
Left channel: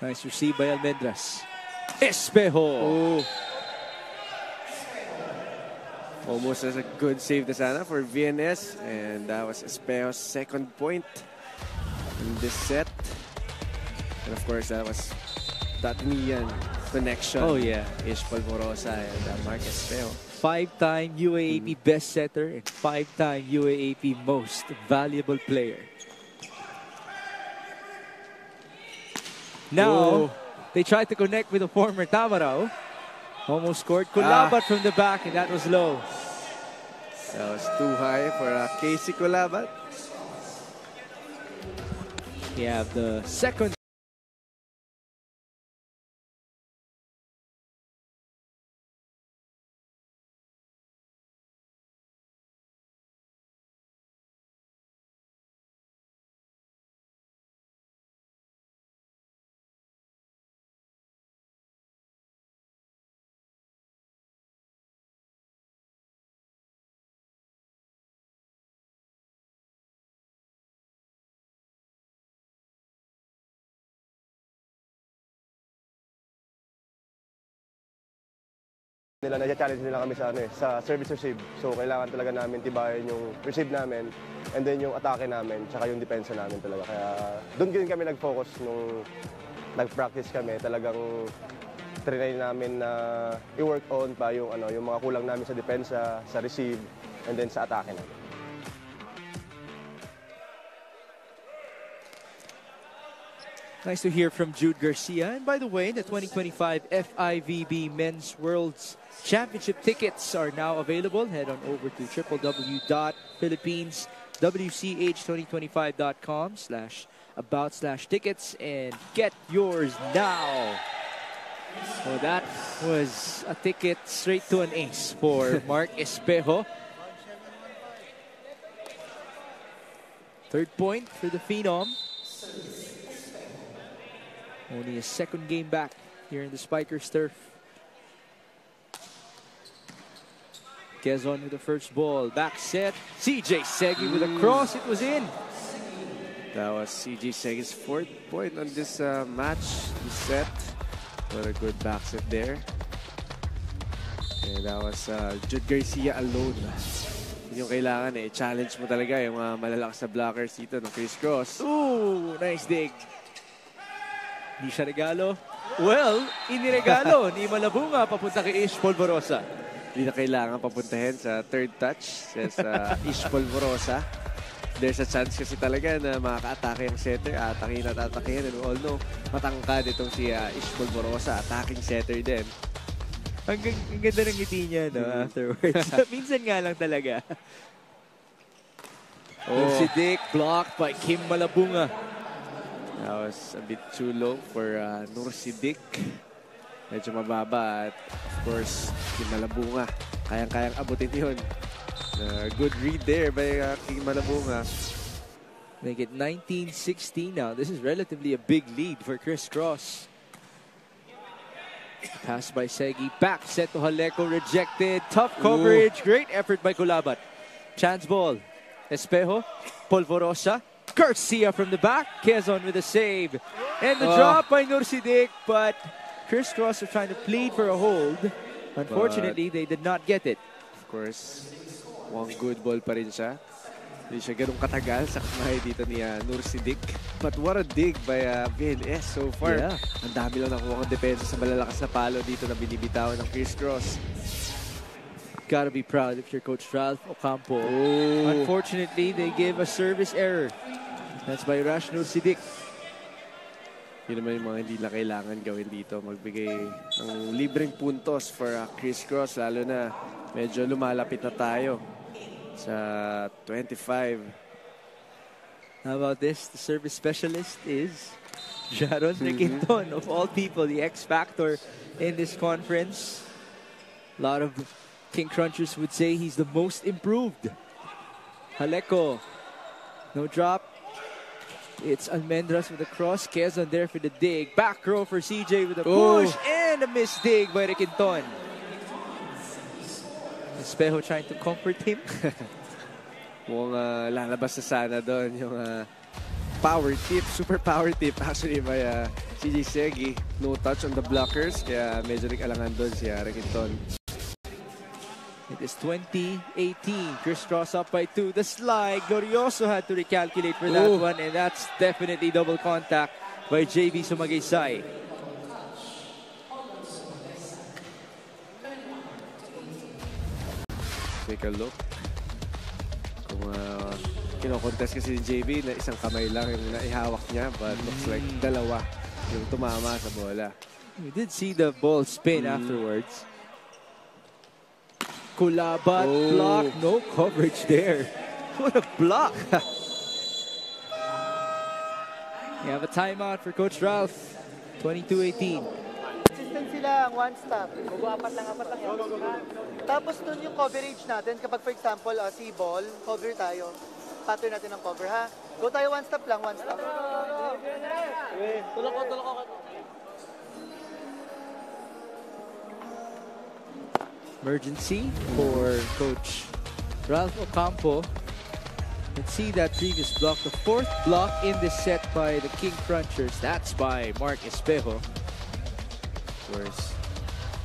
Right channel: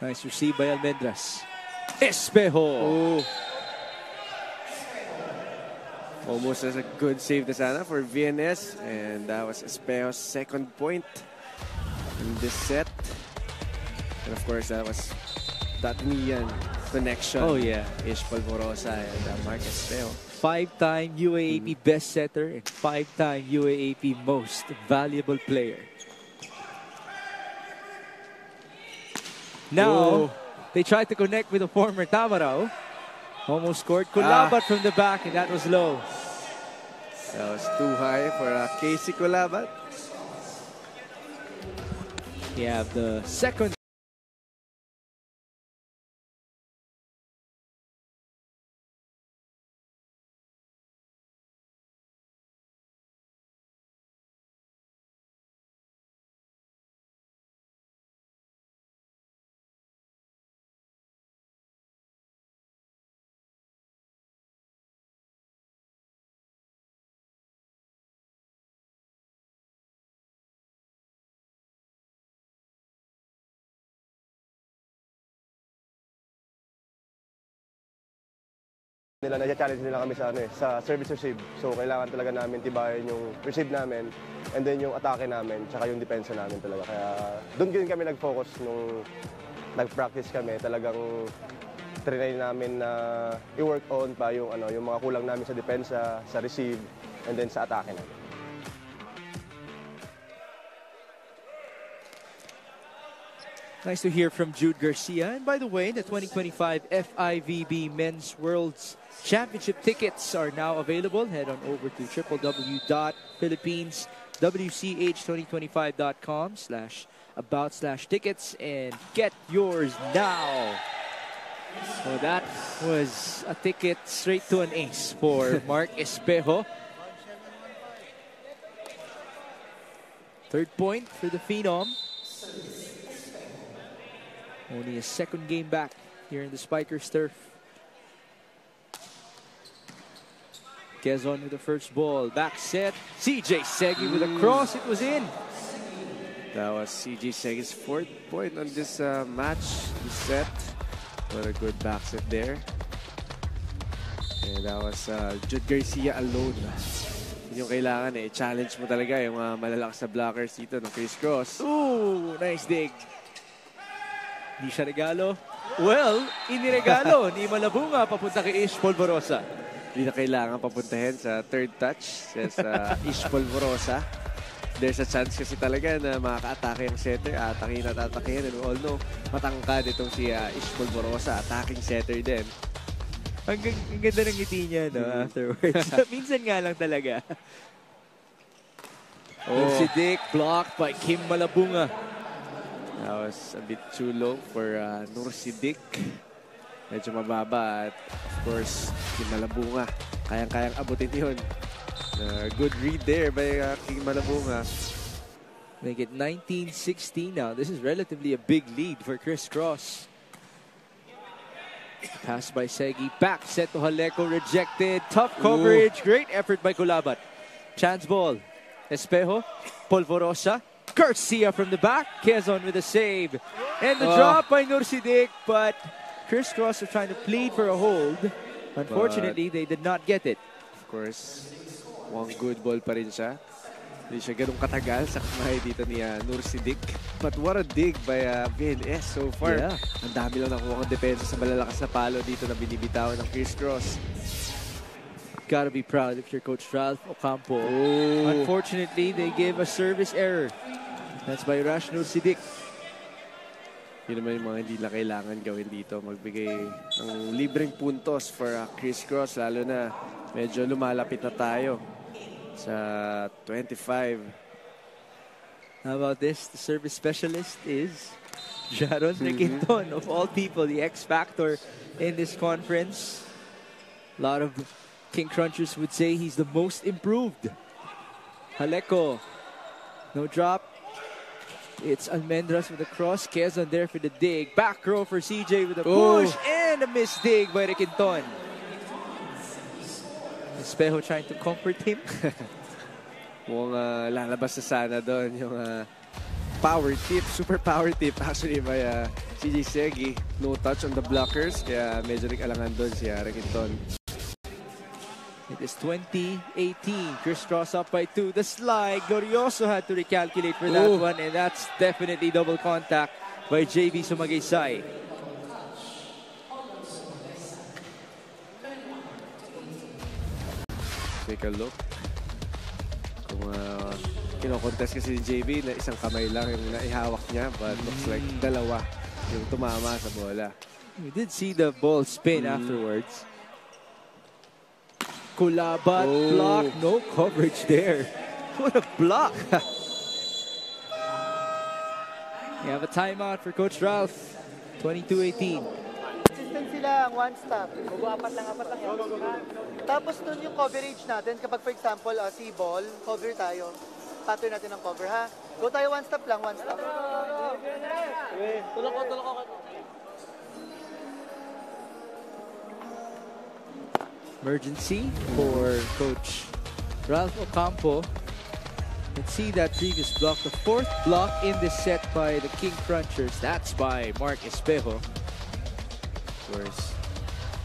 Nice receive by Almendras. Espejo! Oh. Almost as a good save na sana for VNS. And that was Espejo's second point in this set. And of course, that was that Nian connection. Oh, yeah. Ish Polvorosa and Mark Espejo. 5-time UAAP best setter and 5-time UAAP most valuable player. Now, they tried to connect with the former Tamarao. Almost scored. Kulabat from the back, and that was low. That was too high for Casey Kulabat. You have the second. Na-challenge nila kami sa sa service receive. So kailangan talaga namin tibayan yung receive namin and then yung atake namin tsaka yung depensa namin talaga. Kaya doon din kami nag-focus nung nag-practice kami. Talagang trinay namin na i-work on pa yung yung mga kulang namin sa depensa, sa receive and then sa atake namin. Nice to hear from Jude Garcia. And by the way, the 2025 FIVB Men's Worlds Championship tickets are now available. Head on over to www.philippines.wch2025.com/about/tickets and get yours now. So that was a ticket straight to an ace for Mark Espejo. Third point for the Phenom. Only a second game back here in the Spikers turf. Quezon with the first ball. Back set. CJ Segi with a cross. It was in. That was CJ Segi's fourth point on this match. This set. What a good back set there. And that was Jude Garcia alone. Yung kailangan challenge mo talaga yung malalakas na blockers dito ng Chris Cross. Ooh, nice dig. Hindi siya regalo. Well, iniregalo ni Malabunga papunta kay Ish Polvorosa. Hindi na kailangan papuntahin sa third touch sa Ish Polvorosa. There's a chance kasi talaga na makaka-atake yung setter. Atakin at atakin. And all know, matangkad itong si Ish Polvorosa. Attacking setter din. Ang ganda ng ngiti niya afterwards. Minsan nga lang talaga. Si Dick blocked by Kim Malabunga. That was a bit too low for Nursidik. Medyo mababa at of course, Kim Malabunga. Kayang-kayang abutin yun. Good read there by Kim Malabunga. Make it 19-16 now. This is relatively a big lead for Chris Cross. Pass by Segi. Back set to Haleco. Rejected. Tough coverage. Great effort by Kulabat. Chance ball. Espejo. Polvorosa. Garcia from the back. Quezon with a save. And the drop by Nursidik, but Crisscross are trying to plead for a hold. Unfortunately, they did not get it. Of course, mukhang good ball pa rin siya. Hindi siya ganun katagal sa kamay dito ni Nur Siddiq. But what a dig by VNS so far. Yeah. Ang dami lang nakuha ng depensa sa malalakas na palo dito na binibitawan ng Crisscross. Gotta be proud if you're Coach Ralph Ocampo. Unfortunately, they gave a service error. That's by Nur Siddiq. Yun naman yung mga hindi na kailangan gawin dito. Magbigay ng libreng puntos for Crisscross. Lalo na medyo lumalapit na tayo sa 25. How about this? The service specialist is Jaron Requinton, of all people, the X factor in this conference. A lot of King Crunchers would say he's the most improved. Haleko, no drop. It's Almendras with a cross. Quezon there for the dig. Back row for CJ with a push and a missed dig by Requinton. Espejo trying to comfort him. Mukhang lalabas na sana doon yung power tip, super power tip actually by CJ Segi. No touch on the blockers, kaya medyo nag-alangan doon si Requinton. It is 2018. Crisscross up by 2. The slide. Glorioso had to recalculate for that one, and that's definitely double contact by JB Sumagaysay. Take a look. Kung kino-contest kasi ni JB na isang kamay lang yung naihawak niya, but looks like dalawa yung tumama sa bola. We did see the ball spin afterwards. Kulabat block, no coverage there. What a block! We have a timeout for Coach Ralph. 22-18. Consistency lang, one stop. Apat lang yan. Tapos nun yung coverage natin, kapag for example, si ball, cover tayo. Pattern natin ang cover, ha? Go tayo one stop lang, one stop. Tulak ko. Emergency for Coach Ralph Ocampo. Let's see that previous block. The fourth block in this set by the King Crunchers. That's by Mark Espejo. Of course,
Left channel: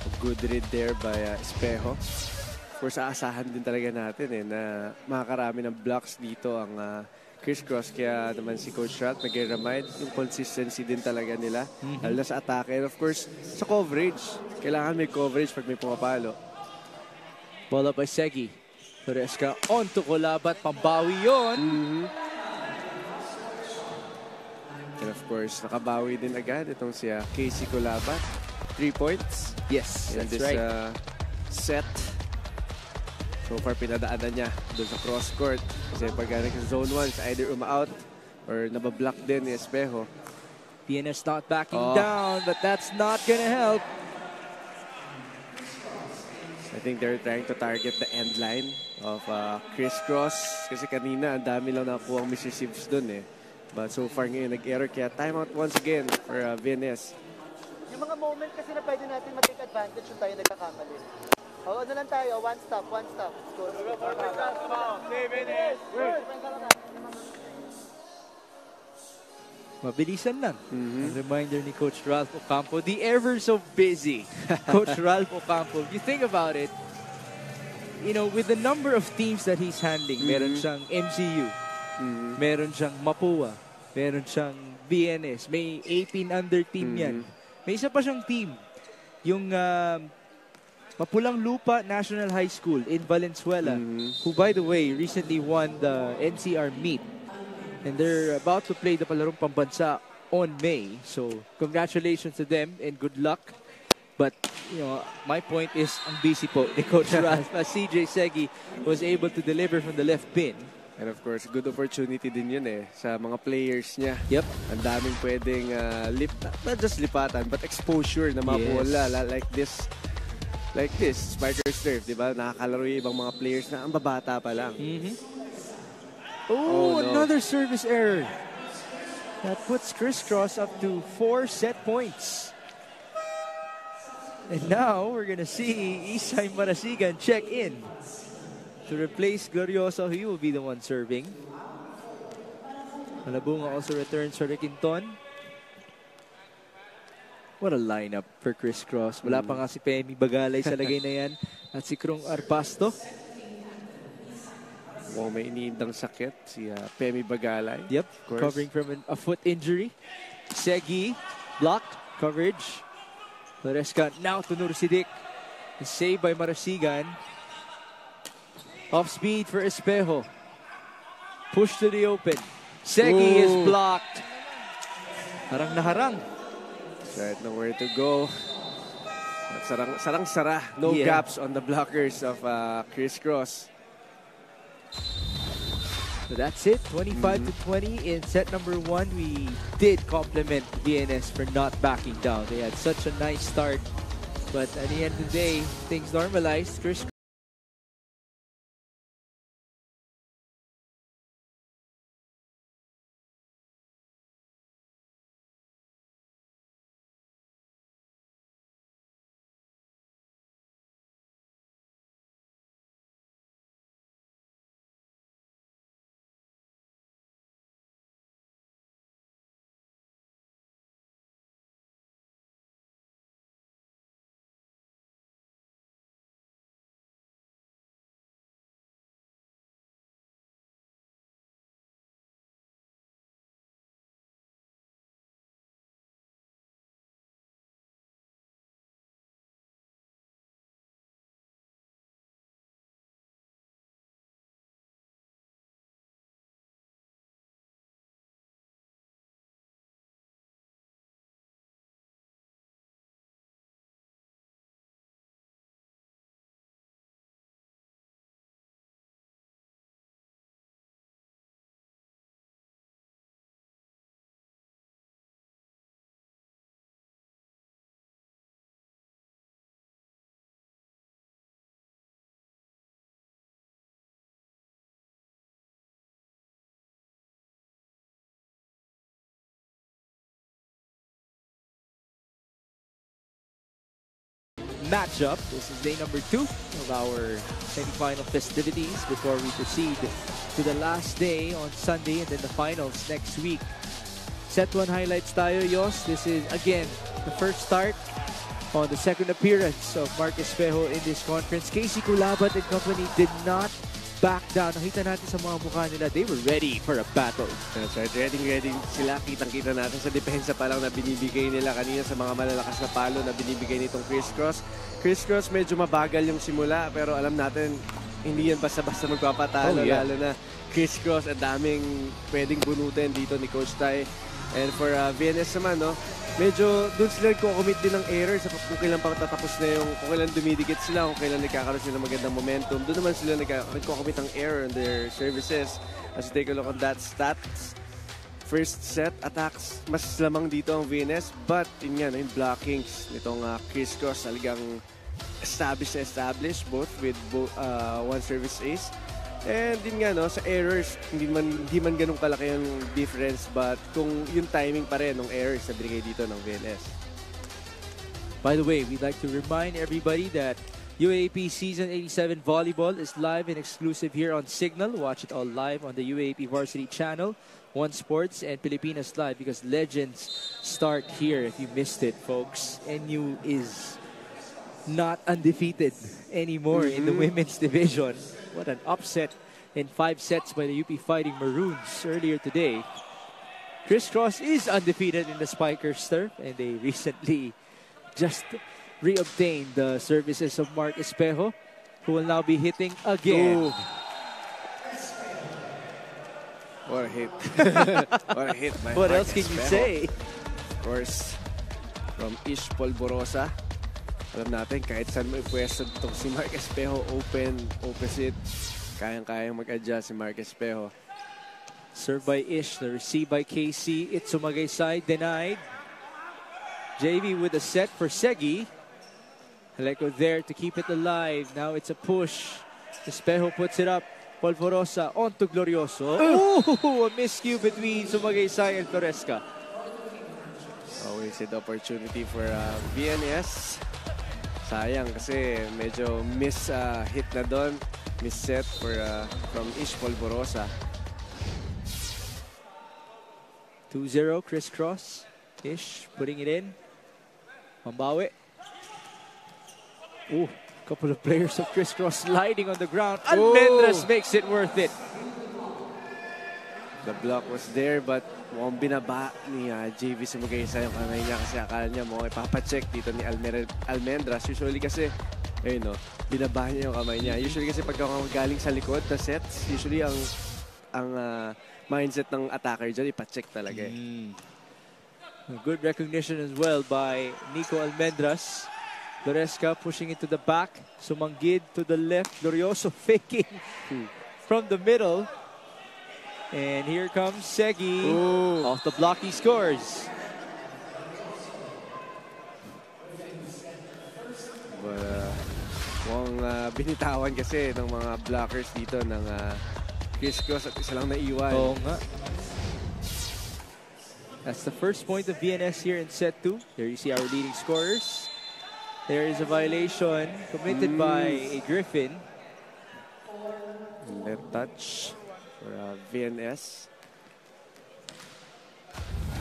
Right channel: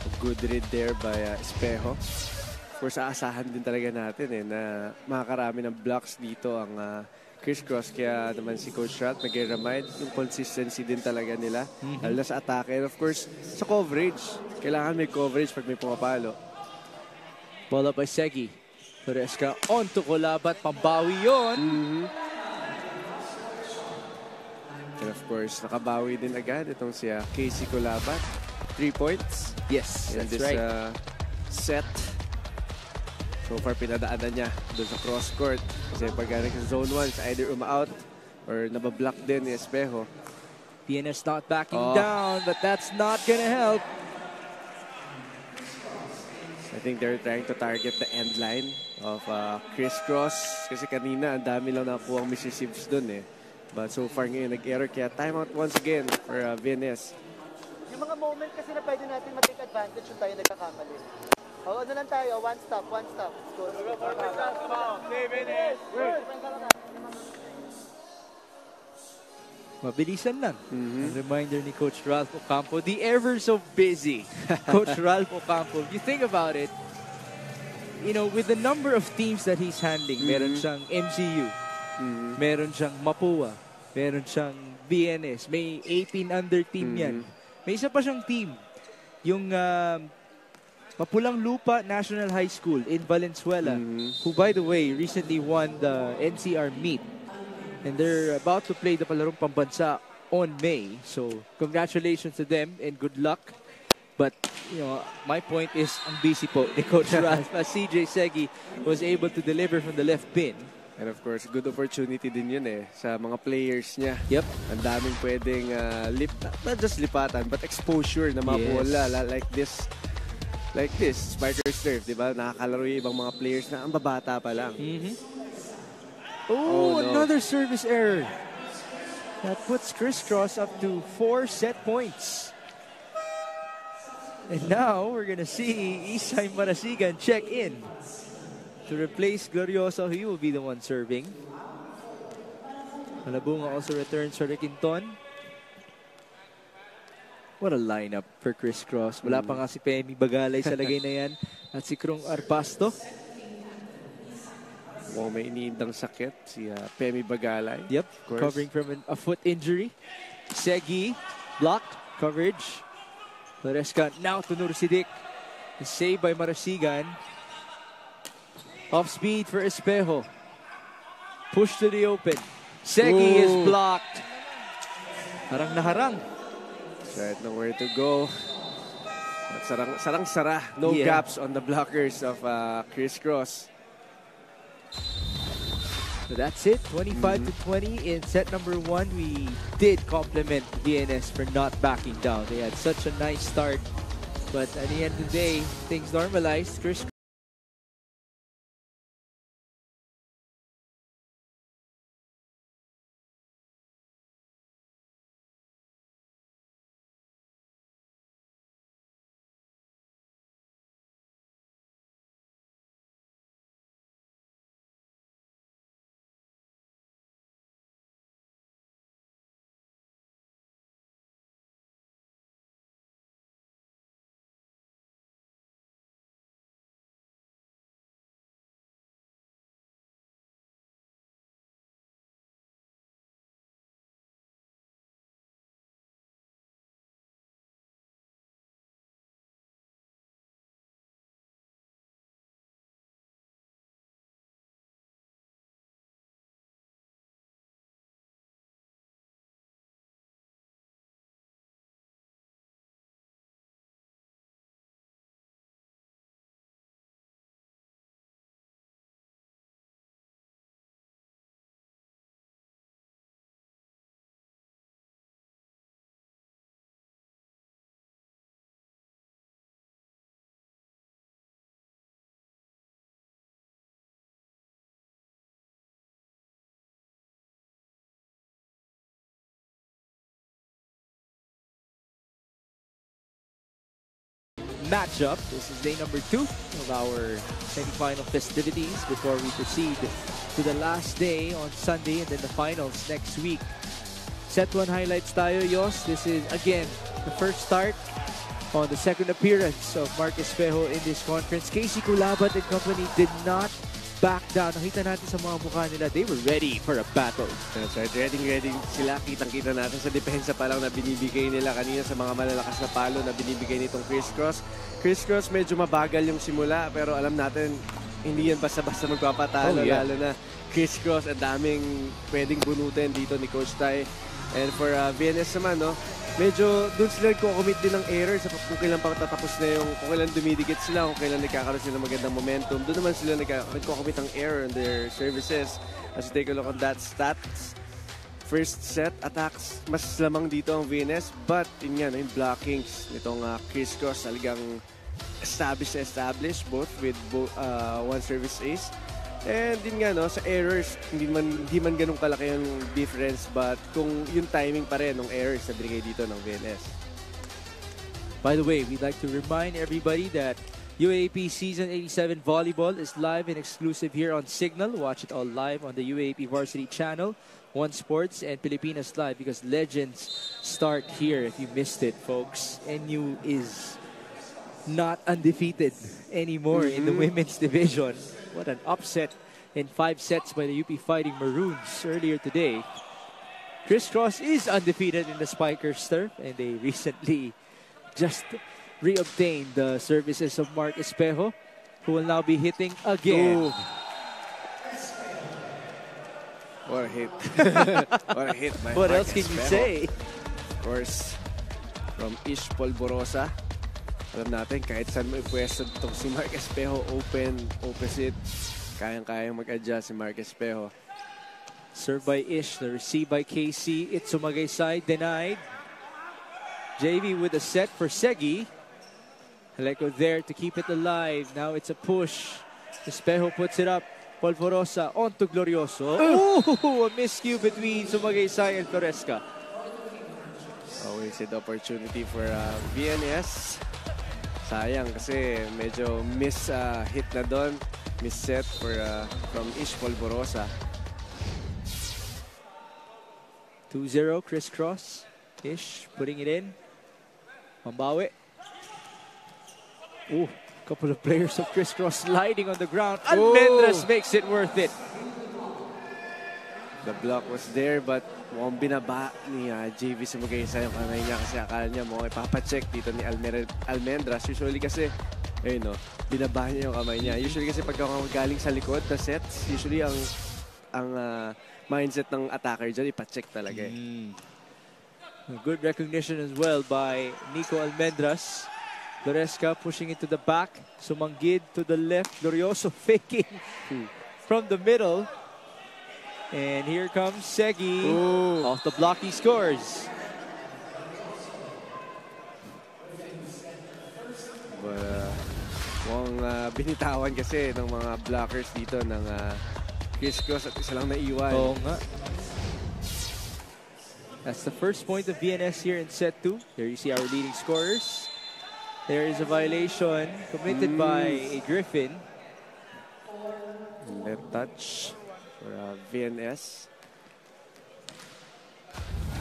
a good read there by Espejo. Of course, aasahan din talaga natin na makakarami ng blocks dito ang Crisscross. Kaya naman si Coach Ralph nag-remind yung consistency din talaga nila. Lalo na sa atake. And of course, sa coverage. Kailangan may coverage pag may pumapalo. Ball up by Segi. Toresca on to Kulabat. Pambawi yun. And of course, nakabawi din agad itong si Casey Kulabat. 3 points. Yes, in that's this right. Set. So far, pinadaanan niya doon sa cross court. Kasi pag sa zone 1, either uma-out or nabablock din ni Espejo. PNS not backing down, but that's not gonna help. I think they're trying to target the end line of Crisscross. Kasi kanina, ang dami lang nakuha ang misreceives dun eh. But so far ngayon, nag-error. Kaya timeout once again for VNS. Yung mga moment kasi na pwede natin mag-take advantage yung tayo nagkakamali. O, ano lang tayo, one stop. Go. Mabilisan lang. A reminder ni Coach Ralph Ocampo, the ever so busy Coach Ralph Ocampo. You think about it, you know, with the number of teams that he's handling, meron siyang MCU, meron siyang Mapua, meron siyang BNS, may 18 under team yan. May isa pa siyang team, yung Mapulang Lupa National High School in Valenzuela, who by the way recently won the NCR meet. And they're about to play the Palarong Pambansa on May. So, congratulations to them and good luck. But, you know, my point is, ang busy po ni Coach Ralph as CJ Segi was able to deliver from the left pin. And of course, good opportunity din yun eh sa mga players niya. Yep. Ang daming pwedeng not just lipatan, but exposure na mabola. Like this, Spikers Turf, di ba? Nakakalaro yung ibang mga players na ang babata pa lang. Oh, no. Another service error. That puts Crisscross up to 4 set points. And now we're going to see Isay Marasigan check in. To replace Glorioso, he will be the one serving. Malabunga also returns for Requinton. What a lineup for Crisscross. Wala pa nga si Pemi Bagalay sa lagay na yan. At si Krong Arpasto. May iniindang sakit si Pemi Bagalay. Yep, covering from a foot injury. Segi, blocked, coverage. Loresca now to Nur Sidik. Saved by Marasigan. Off speed for Espejo. Push to the open. Segi is blocked. Harang na harang. Right, nowhere to go. Sarang-sara. No gaps on the blockers of Crisscross. So that's it. 25-20 in set number 1. We did compliment VNS for not backing down. They had such a nice start. But at the end of the day, things normalized. Crisscross matchup. This is day number 2 of our semi-final festivities before we proceed to the last day on Sunday and then the finals next week. Set 1 highlights tayo, Yos. This is, again, the first start on the second appearance of Mark Espejo in this conference. Casey Culabat and company did not back down. Nakita natin sa mga mukha nila, they were ready for a battle. That's right. Ready sila. Kitang-kita natin sa depensa pa lang na binibigay nila kanina sa mga malalakas na palo na binibigay nitong Crisscross. Crisscross medyo mabagal yung simula pero alam natin hindi yan basta-basta magpapatalo. Lalo na Crisscross, ang daming pwedeng bunutin dito ni Coach Tai. And for VNS naman, no, medyo doon sila nagko-commit din ng error sa kung kailan pagtatapos na yung, kung kailan dumidikit sila, kung kailan nagkakaroon sila ng magandang momentum. Doon naman sila nagko-commit ng error in their services. As you take a look on that stats, first set attacks, mas lamang dito ang VNS, but yun yan, yung blockings nitong Crisscross talagang established both with one service ace. And din nga, no, sa errors, hindi man ganun kalaki yung difference, but kung yung timing pa rin ng errors na binigay dito ng VNS. By the way, we'd like to remind everybody that UAAP Season 87 Volleyball is live and exclusive here on Signal. Watch it all live on the UAAP Varsity channel, One Sports, and Pilipinas Live, because legends start here if you missed it, folks. NU is not undefeated anymore in the women's division. What an upset in 5 sets by the UP Fighting Maroons earlier today. Crisscross is undefeated in the Spikers turf, and they recently just reobtained the services of Mark Espejo, who will now be hitting again. Oh. What a hit. What a hit by What Mark else can you Espejo. say? Of course, from Ish Polvorosa. Alam natin, kahit saan may pwesto itong si Mark Espejo, open, opposite, kayang-kayang mag-adjust si Mark Espejo. Served by Ish, the receive by KC. It's Sumagay side, denied. JV with a set for Segi. Aleko there to keep it alive. Now it's a push. Espejo puts it up. Polvorosa on to Glorioso. Oh, a miscue between Sumagay side and Torresca. Always an opportunity for VNS. Sayang kasi medyo hit na doon. Miss set from Ish Polvorosa. 2-0 Crisscross. Ish putting it in. Pambawi. Ooh, couple of players of crisscross sliding on the ground. Almendras makes it worth it. The block was there, but mukhang binaba ni JV Sumugaysa yung kamay niya kasi akala niya mukhang ipapacheck dito ni Almendras. Usually kasi, ayun no, binaba niya yung kamay niya. Usually kasi pagka galing sa likod na sets, usually ang mindset ng attacker dyan, ipacheck talaga eh. Good recognition as well by Nico Almendras. Floresca pushing into the back. Sumanggid to the left. Glorioso faking from the middle. And here comes Segi. Off the block, he scores. Mukhang binitawan kasi ng mga blockers dito ng crisscross at isa lang naiwan. Oo nga. That's the first point of VNS here in set 2. There you see our leading scorers. There is a violation committed by a Griffin. Net touch for VNS.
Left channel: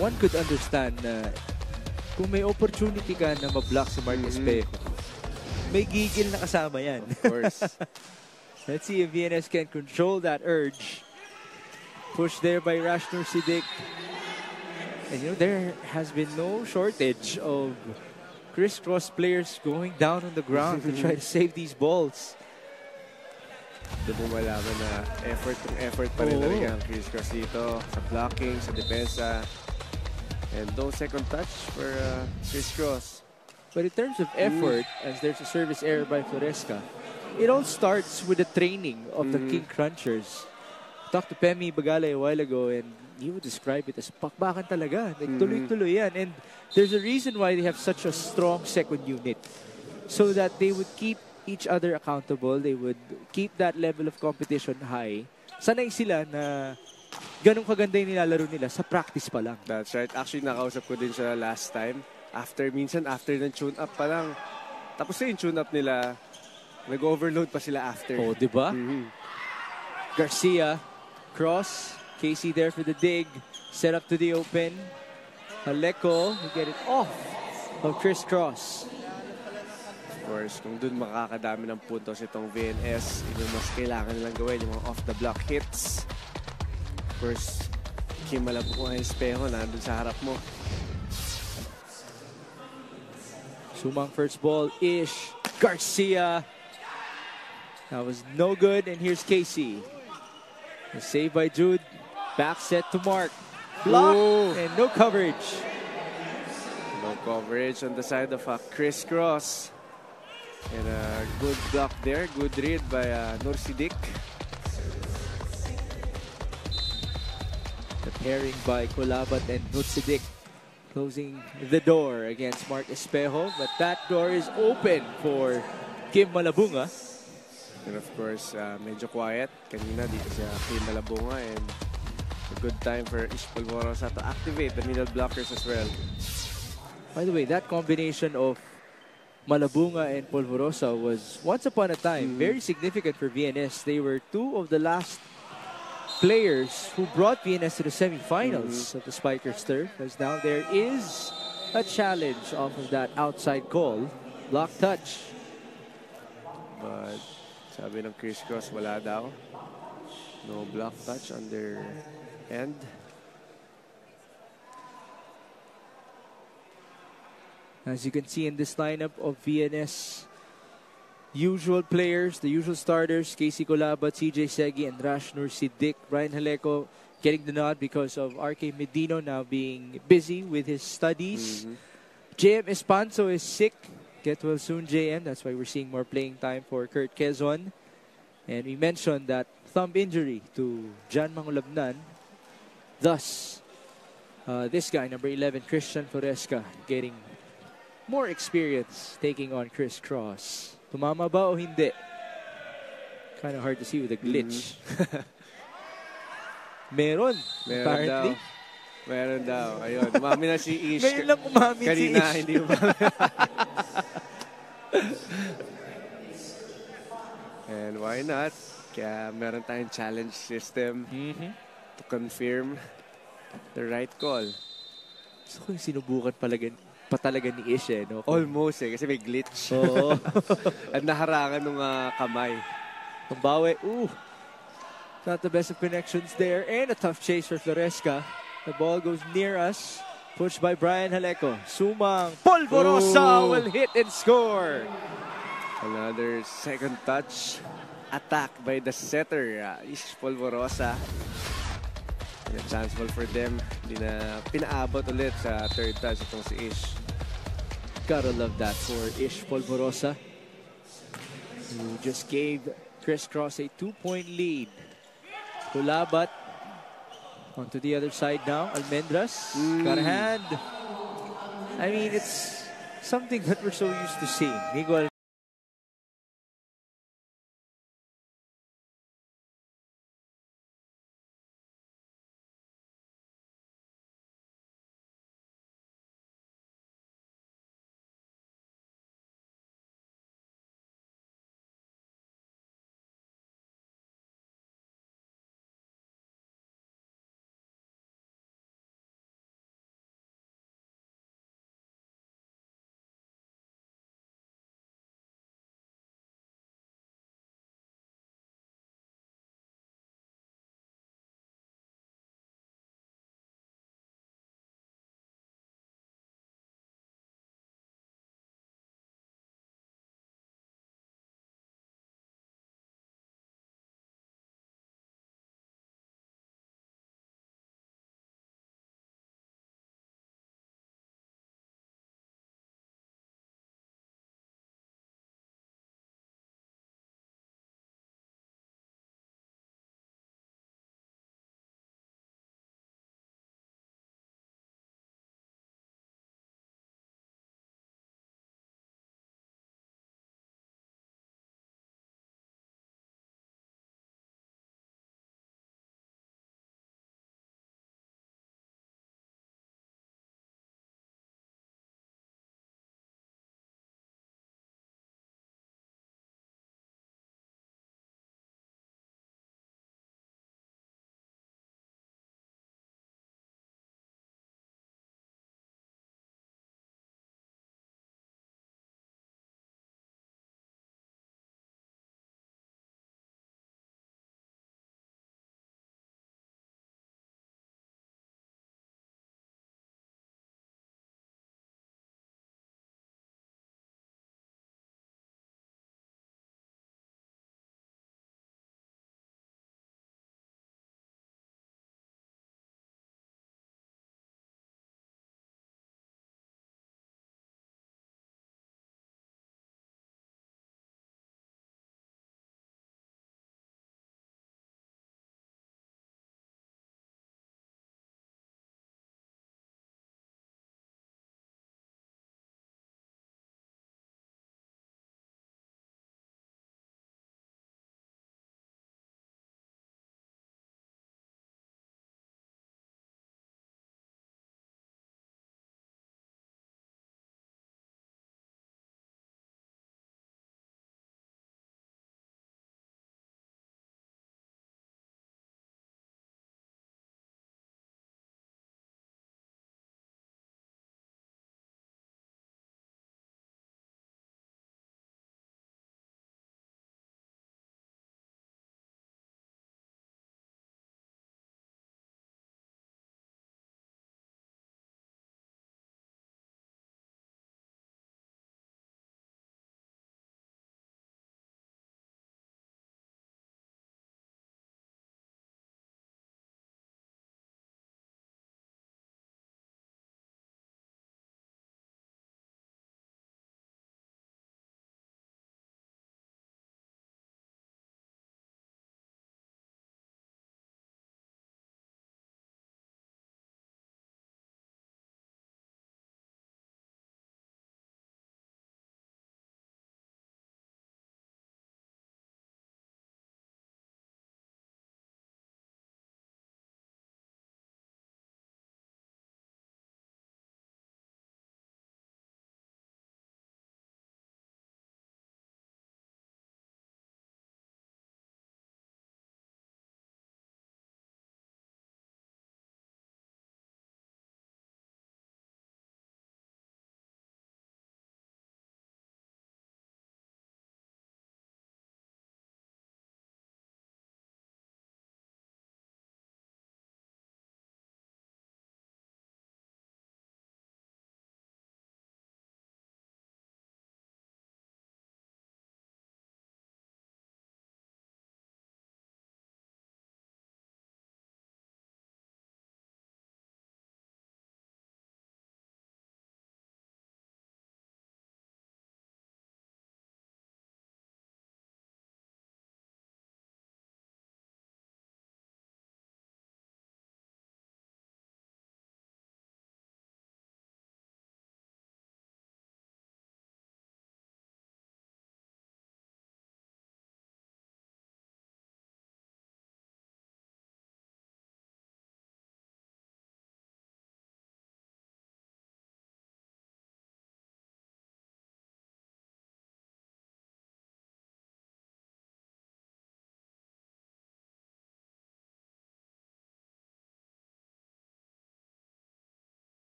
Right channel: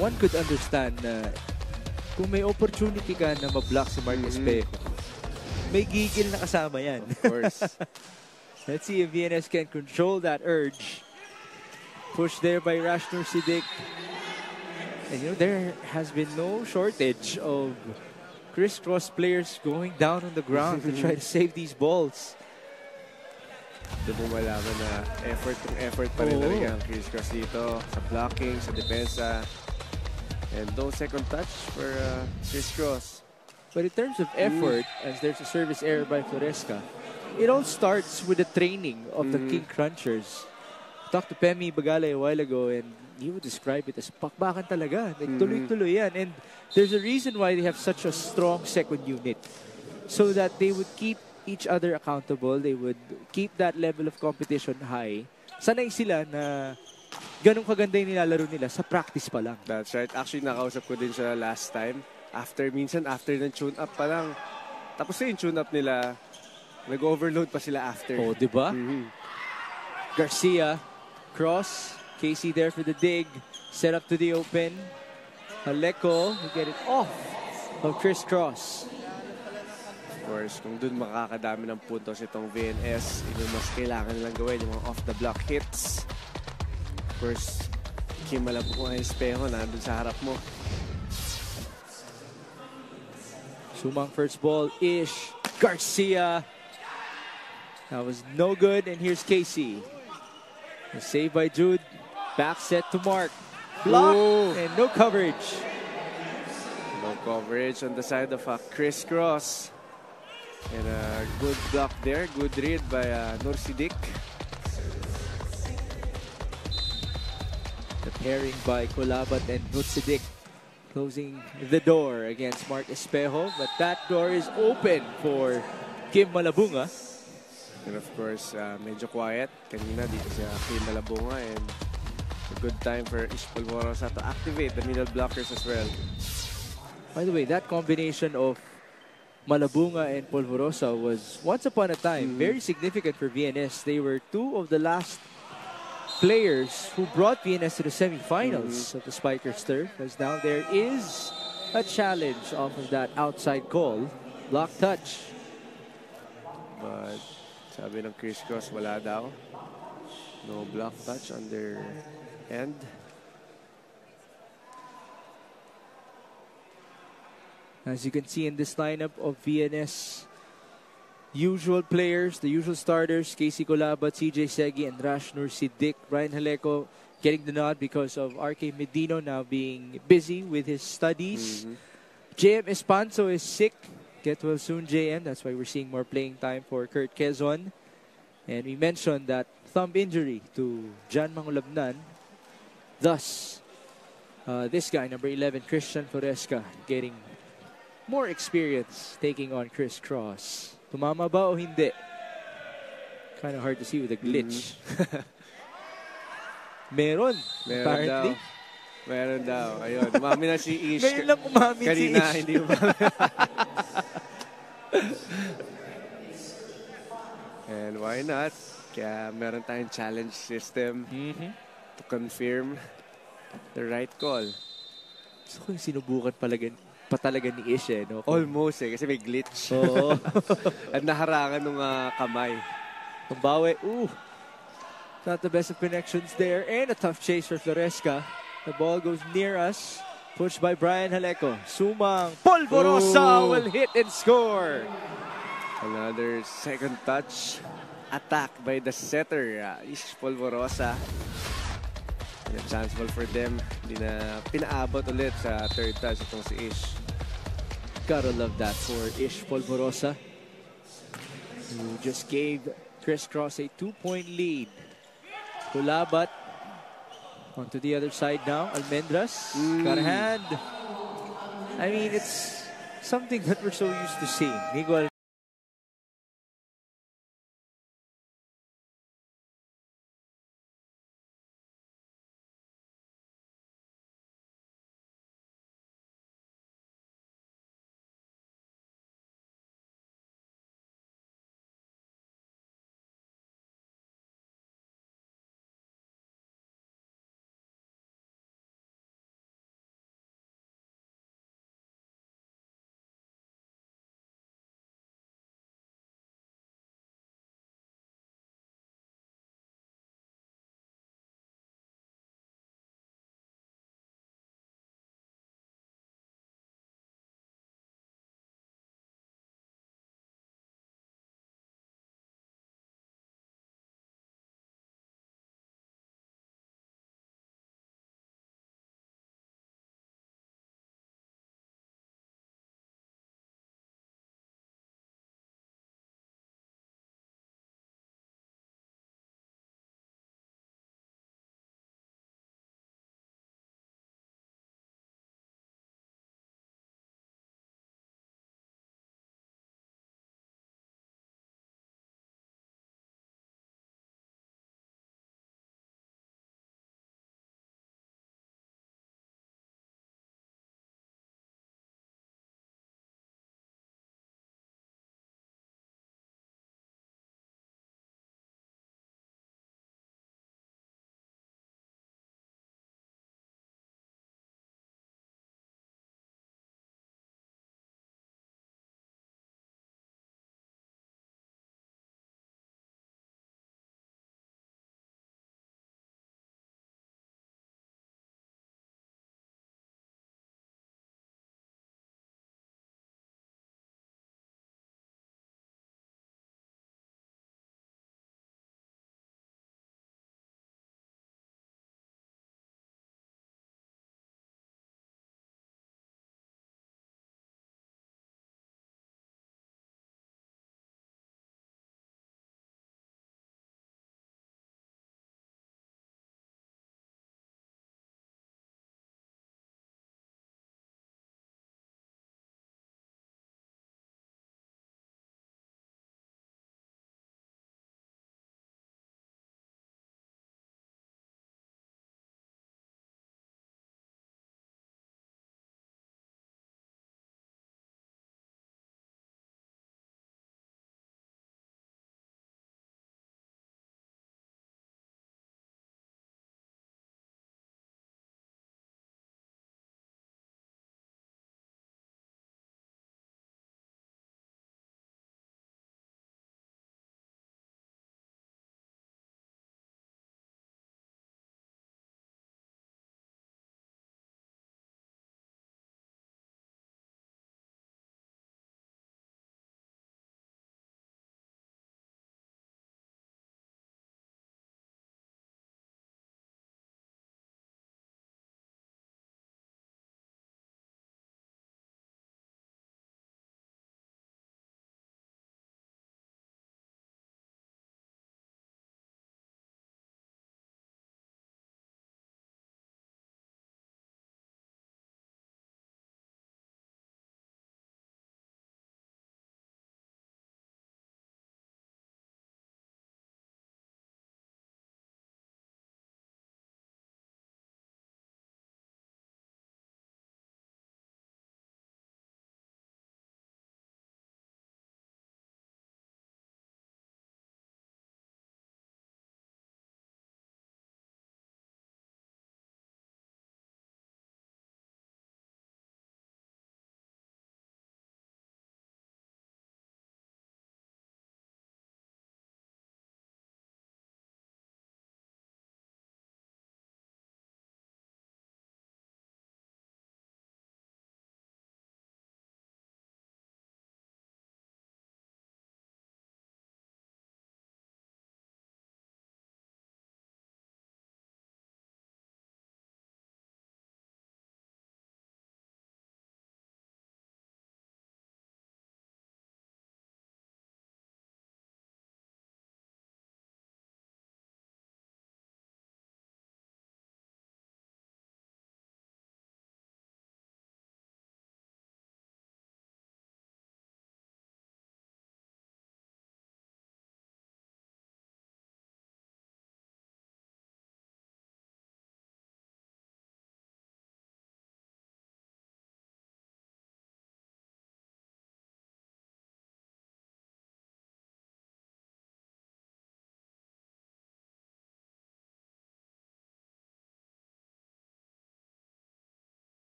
One could understand na kung may opportunity ka na ma-block sa Mark Espejo, may gigil na kasama yan. Of course. Let's see if VNS can control that urge. Push there by Rashnur Siddiq. And you know, there has been no shortage of crisscross players going down on the ground to try to save these balls. Doon mo malaman na effort pa rin talaga ang crisscross dito sa blocking, sa depensa. And no second touch for crisscross. But in terms of effort, as there's a service error by Floresca, it all starts with the training of the King Crunchers. I talked to Pemi Bagale a while ago and he would describe it as pakbakan talaga. Like, tuloy-tuloy yan. And there's a reason why they have such a strong second unit. So that they would keep each other accountable. They would keep that level of competition high. Sanay sila na ganun kaganda yung nilalaro nila sa practice pa lang. That's right. Actually, nakausap ko din siya last time. After ng tune-up pa lang. Tapos yung tune-up nila, nag-overload pa sila after. Oh, di ba? Garcia, cross. Casey there for the dig. Set up to the open. Haleko will get it off of crisscross. Of course, kung dun makakadami ng puntos itong VNS, yung mas kailangan nilang gawin, yung mga off-the-block hits. Of course, Kim Malabunga Espejo nandun sa harap mo. Sumang first ball, Ish. Garcia. That was no good, and here's Casey. The save by Jude. Back set to Mark. Block and no coverage. No coverage on the side of crisscross. And a good block there. Good read by Nur Siddiq. The pairing by Kulabat and Nur Siddiq closing the door against Mark Espejo. But that door is open for Kim Malabunga. And of course, medyo quiet kanina dito sa Kim Malabunga. And a good time for Ish Polvorosa to activate the middle blockers as well. By the way, that combination of Malabunga and Polvorosa was once upon a time very significant for VNS. They were two of the last players who brought VNS to the semifinals of the Spikers Turf. As now there is a challenge off of that outside call. Block touch. But sabi ng crisscross, wala daw. No block touch on their end. As you can see in this lineup of VNS usual players, the usual starters, Casey Kulabat, CJ Segi, and Rashnur Siddiq. Ryan Haleko getting the nod because of RK Medino now being busy with his studies. JM Espanso is sick. Get well soon, JM. That's why we're seeing more playing time for Kurt Quezon. And we mentioned that thumb injury to Jan Mangulabnan. Thus, this guy, number 11, Christian Floresca, getting more experience taking on crisscross. Tumama ba o hindi? Kind of hard to see with the glitch. Meron. Apparently. Meron daw. Ayun. Umami na si Ish. Ngayon lang umami si Kanina, Ish. hindi umami. And why not? Kaya meron tayong challenge system to confirm the right call. Gusto ko yung sinubukan pala pa talaga ni Ish eh, no? Almost eh, kasi may glitch. Oo. At naharangan nung kamay. Tumbawi. Not the best of connections there. And a tough chase for Floresca. The ball goes near us. Pushed by Brian Haleco. Sumang Polvorosa will hit and score. Another second touch attack by the setter, Ish Polvorosa. And a chance ball for them. Hindi na pinaabot ulit sa third touch itong si Ish. Gotta love that for Ish Polvorosa. Who just gave Chris Cross a 2-point lead. Hulabat onto the other side now. Almendras got a hand. I mean, it's something that we're so used to seeing. Miguel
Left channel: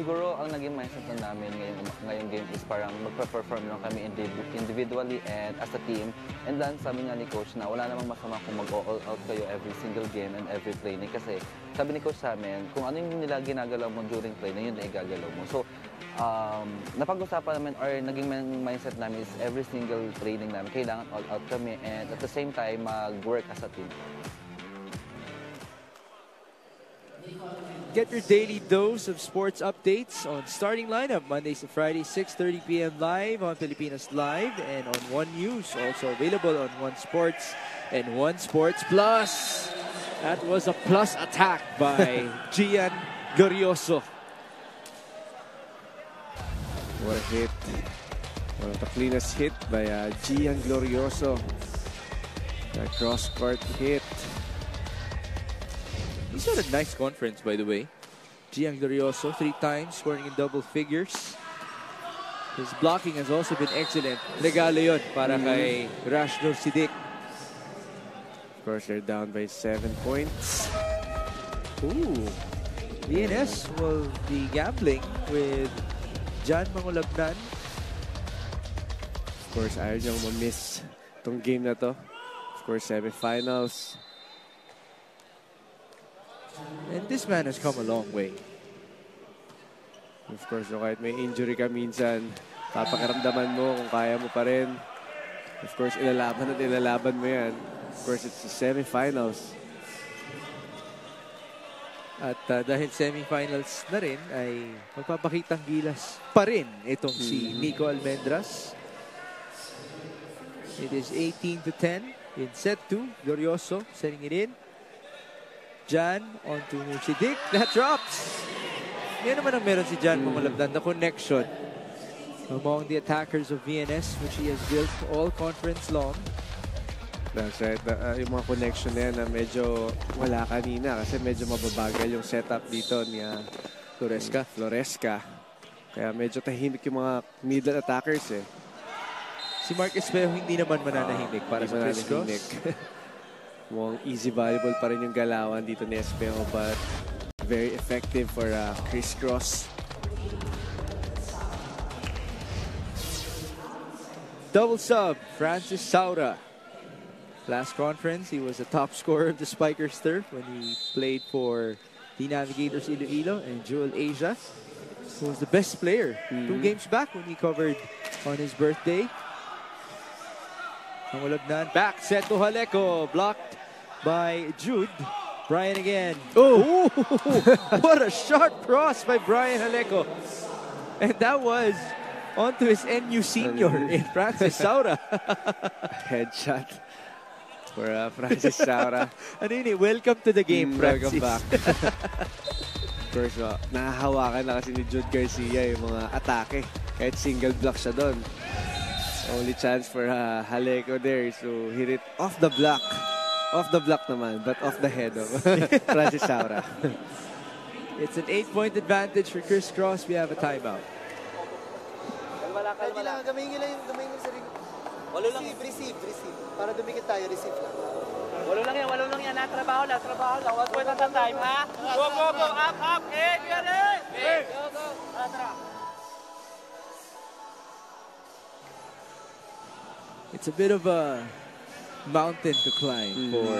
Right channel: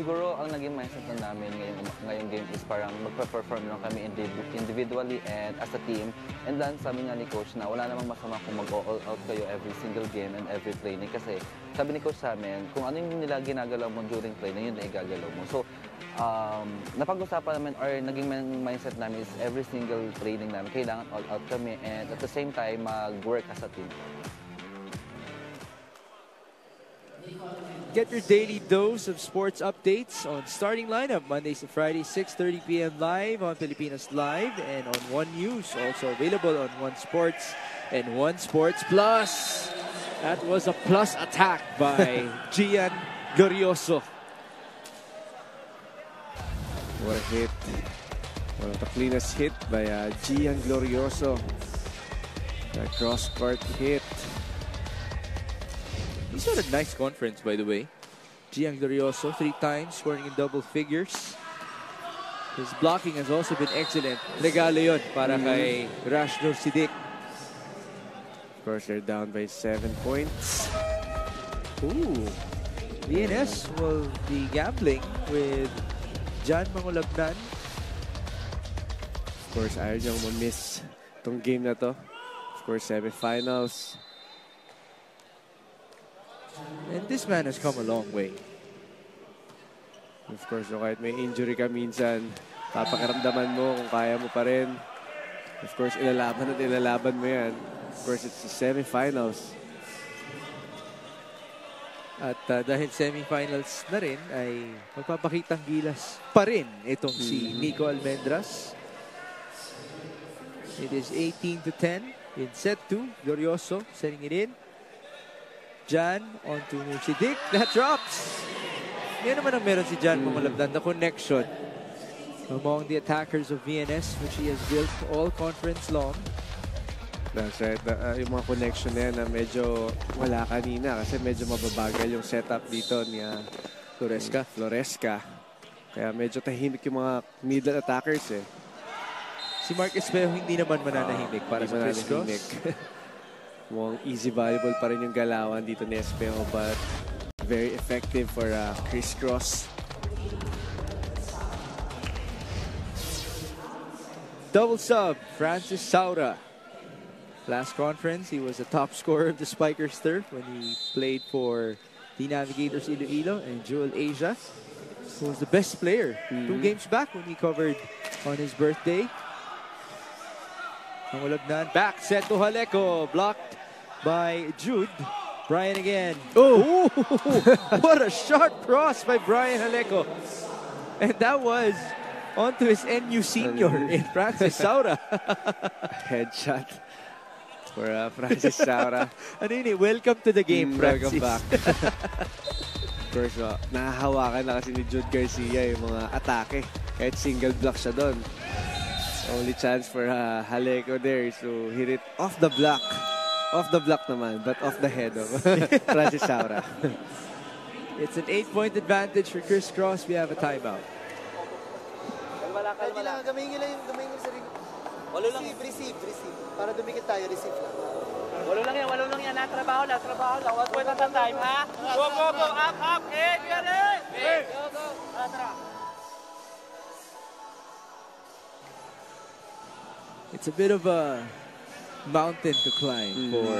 siguro ang naging mindset na namin ngayong game is parang magpa-perform lang kami individually and as a team. And then sabi nga ni Coach na wala namang masama kung mag-all out kayo every single game and every training. Kasi sabi ni Coach sa amin, kung ano yung nila ginagalaw mo during training, yun na igagalaw mo. So, napag-usapan namin or naging mindset namin is every single training namin, kailangan all out kami and at the same time, mag-work as a team. Get your daily dose of sports updates on Starting Lineup, Mondays to Fridays, 6:30 p.m. live on Pilipinas Live and on One News, also available on One Sports and One Sports Plus. That was a plus attack by Gian Glorioso. What a hit. One of the cleanest hit by Gian Glorioso. A cross-court hit. He's had a nice conference, by the way. Gian Glorioso, 3 times, scoring in double figures. His blocking has also been excellent. Regalo yun para kay Rashdor Siddiq. Of course, they're down by 7 points. Ooh. VNS will be gambling with Jan Mangulabnan. Of course, ayaw niyang ma-miss itong game na to. Of course, semifinals. And this man has come a long way. Of course, kahit may injury ka minsan, papakiramdaman mo kung kaya mo pa rin. Of course, ilalaban mo yan. Of course, it's the semifinals. At dahil semifinals na rin, ay magpapakitang gilas pa rin itong si Nico Almendras. It is 18-10 in set 2. Glorioso setting it in. Jan onto Siddiq. That drops. Yan naman ang meron si Jan Mangulabnan. The connection among the attackers of VNS, which he has built all conference long. That's right. Yung mga connection na yan na medyo wala kanina kasi medyo mababagal yung setup dito ni Floresca. Kaya medyo tahimik yung mga middle attackers eh. Si Mark Espejo hindi naman mananahimik para sa Chris Cross. Mukhang easy volleyball pa rin yung galawan dito ni Espejo but very effective for Chris Cross. Double sub, Francis Saura. Last conference, he was the top scorer of the Spikers turf when he played for the Navigators Iloilo and Jewel Asia. He was the best player 2 games back when he covered on his birthday. Mangulabnan, back set to Haleko, blocked by Jude. Brian again. Oh! What a sharp cross by Brian Haleko. And that was onto his NU senior in Francis Saura. Headshot for Francis Saura. Ano yun eh? Welcome to the game, Francis. Welcome back. Of course, nahahawakan na kasi ni Jude Garcia yung mga atake. Kahit single block siya doon. Only chance for Haleko there is to hit it off the block. Off the block naman, but off the head of Francis Saura. It's an 8-point advantage for Chris Cross. We have a timeout. Pwede lang, gamihin nila yung sarili. Walo lang yung receive. Para dumikit tayo, receive lang. Walo lang yan. Trabaho lang. 1 point at a time, ha? Go, up, hey! Go. Tara. It's a bit of a mountain to climb for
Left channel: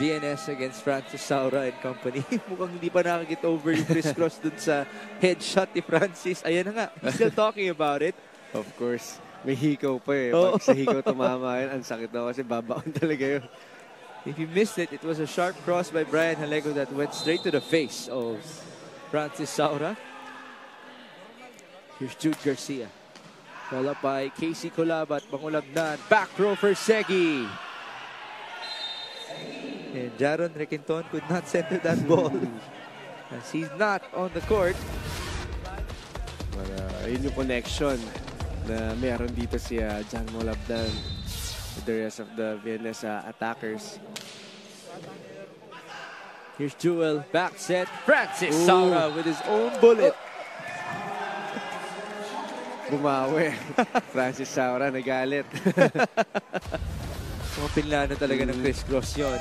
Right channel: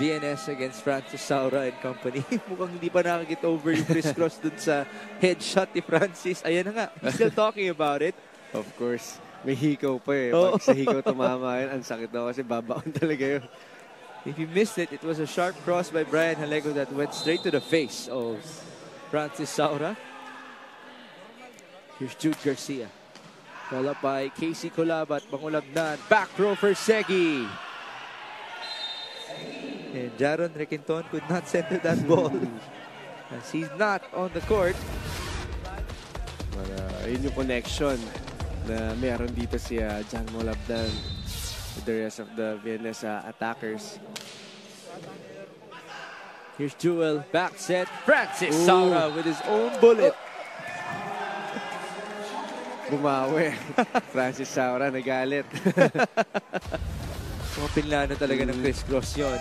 VNS against Francis Saura and company. Mukhang hindi pa nakakit over yung Chris Cross dun sa headshot ni Francis. Ayan na nga, he's still talking about it. Of course, may hikaw pa eh. Pag sa hikaw tumama yun, ang sakit daw kasi babaon talaga yun. If you missed it, it was a sharp cross by Brian Haleko that went straight to the face of Francis Saura. Here's Jude Garcia. Ball up by Casey Colabat, Mangulabnan, back row for Segi. And Jaron Requinton could not center that ball as he's not on the court. Yun yung connection na meron dito si Jan Mangulabnan with the rest of the VNS attackers. Here's Jewel, back set, Francis Saura with his own bullet. Bumawi. Francis Saura nagalit. Mga pinlano talaga ng Chris Cross yun.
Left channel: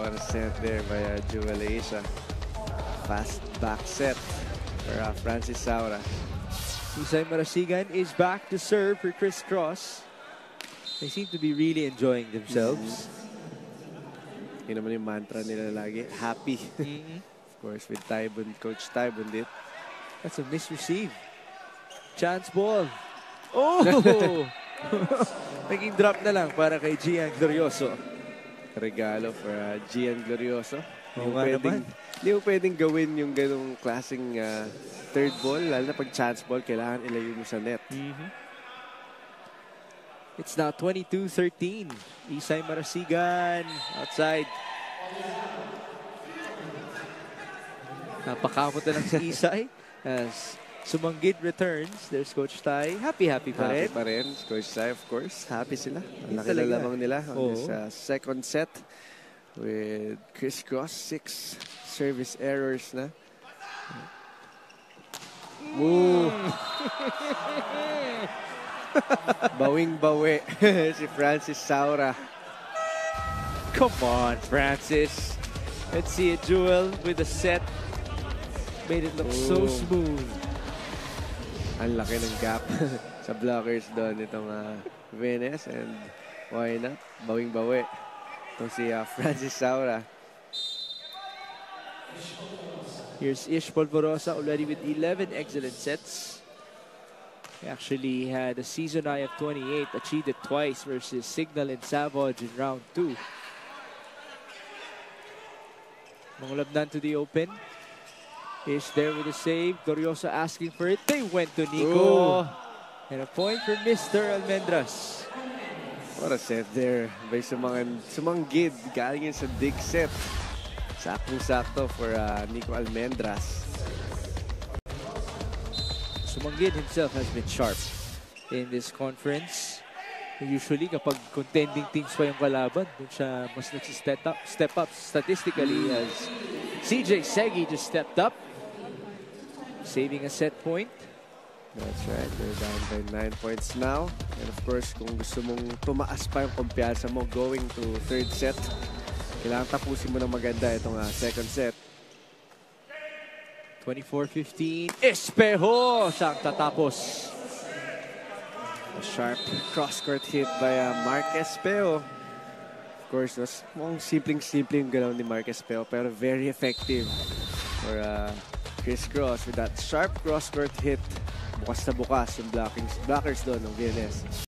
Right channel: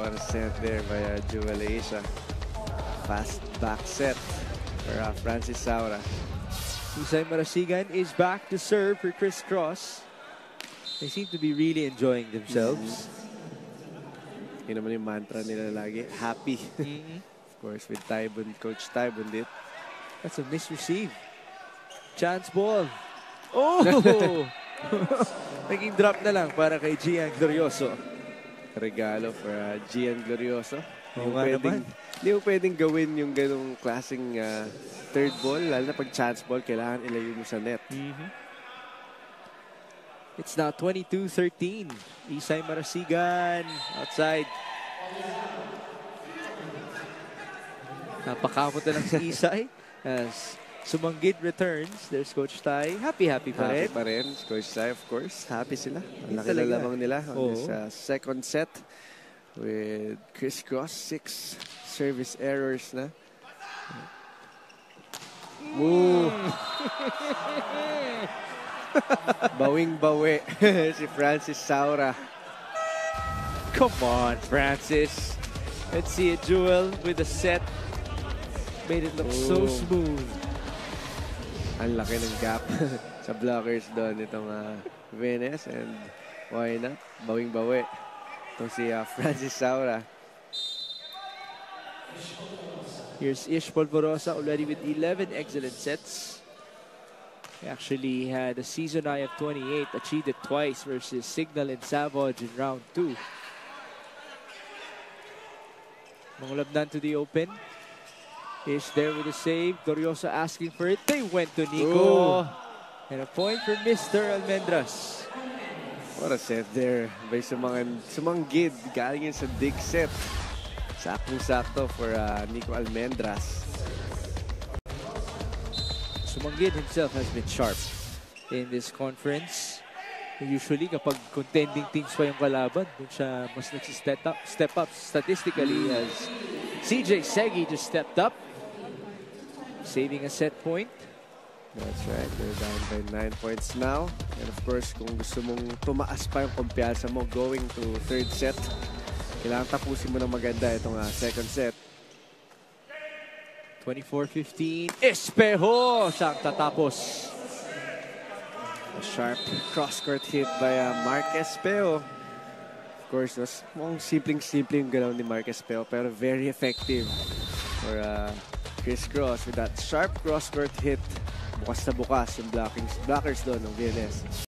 One set there by Jewel Asia. Fast back set for Francis Saura. Isay Marasigan is back to serve for Chris Cross. They seem to be really enjoying themselves. Yun naman yung mantra nila lagi. Happy. Of course, with Tybon, Coach Tybon dit. That's a misreceive. Chance ball. Oh! Naging drop na lang para kay Gian Glorioso. Regalo for Gian Glorioso. Hindi mo pwedeng gawin yung ganong klaseng third ball, lalo na pag chance ball, kailangan ilayo mo sa net. It's now 22-13. Isay Marasigan outside. Napakamot na lang si Isay as Sumanggid returns. There's Coach Ty. Happy pa rin. Happy pa rin. Coach Ty, of course. Happy sila. Ang laki na lamang nila on this second set with Chris Cross. 6 service errors na. Bawing-bawi si Francis Saura. Come on, Francis. Let's see a duel with a set. Made it look so smooth. Ang laki ng gap sa blockers doon itong Venus, and why not? Bawing-bawi. Itong si Francis Saura. Here's Ish Polvorosa already with 11 excellent sets. He actually had a season high of 28, achieved it twice versus Signal and Savage in round 2. Mangulabnan to the open. Ish there with a save. Glorioso asking for it. They went to Nico. And a point for Mr. Almendras. What a set there by Sumanggid. Galing yun sa big set. Saktong-sakto for Nico Almendras. Sumanggid himself has been sharp in this conference. Usually, kapag contending teams pa yung kalaban, dun siya mas step up statistically as CJ Segi just stepped up, saving a set point. That's right. We're down by 9 points now. And of course, kung gusto mong tumaas pa yung kumpiyansa mo going to third set, kailangan tapusin mo ng maganda itong second set. 24-15. Espejo siyang tatapos. A sharp cross-court hit by Mark Espejo. Of course, mukhang simpleng-simpleng galaw ni Mark Espejo, pero very effective for Chris Cross with that sharp cross-court hit. Bukas na bukas yung blockers doon ng VNS.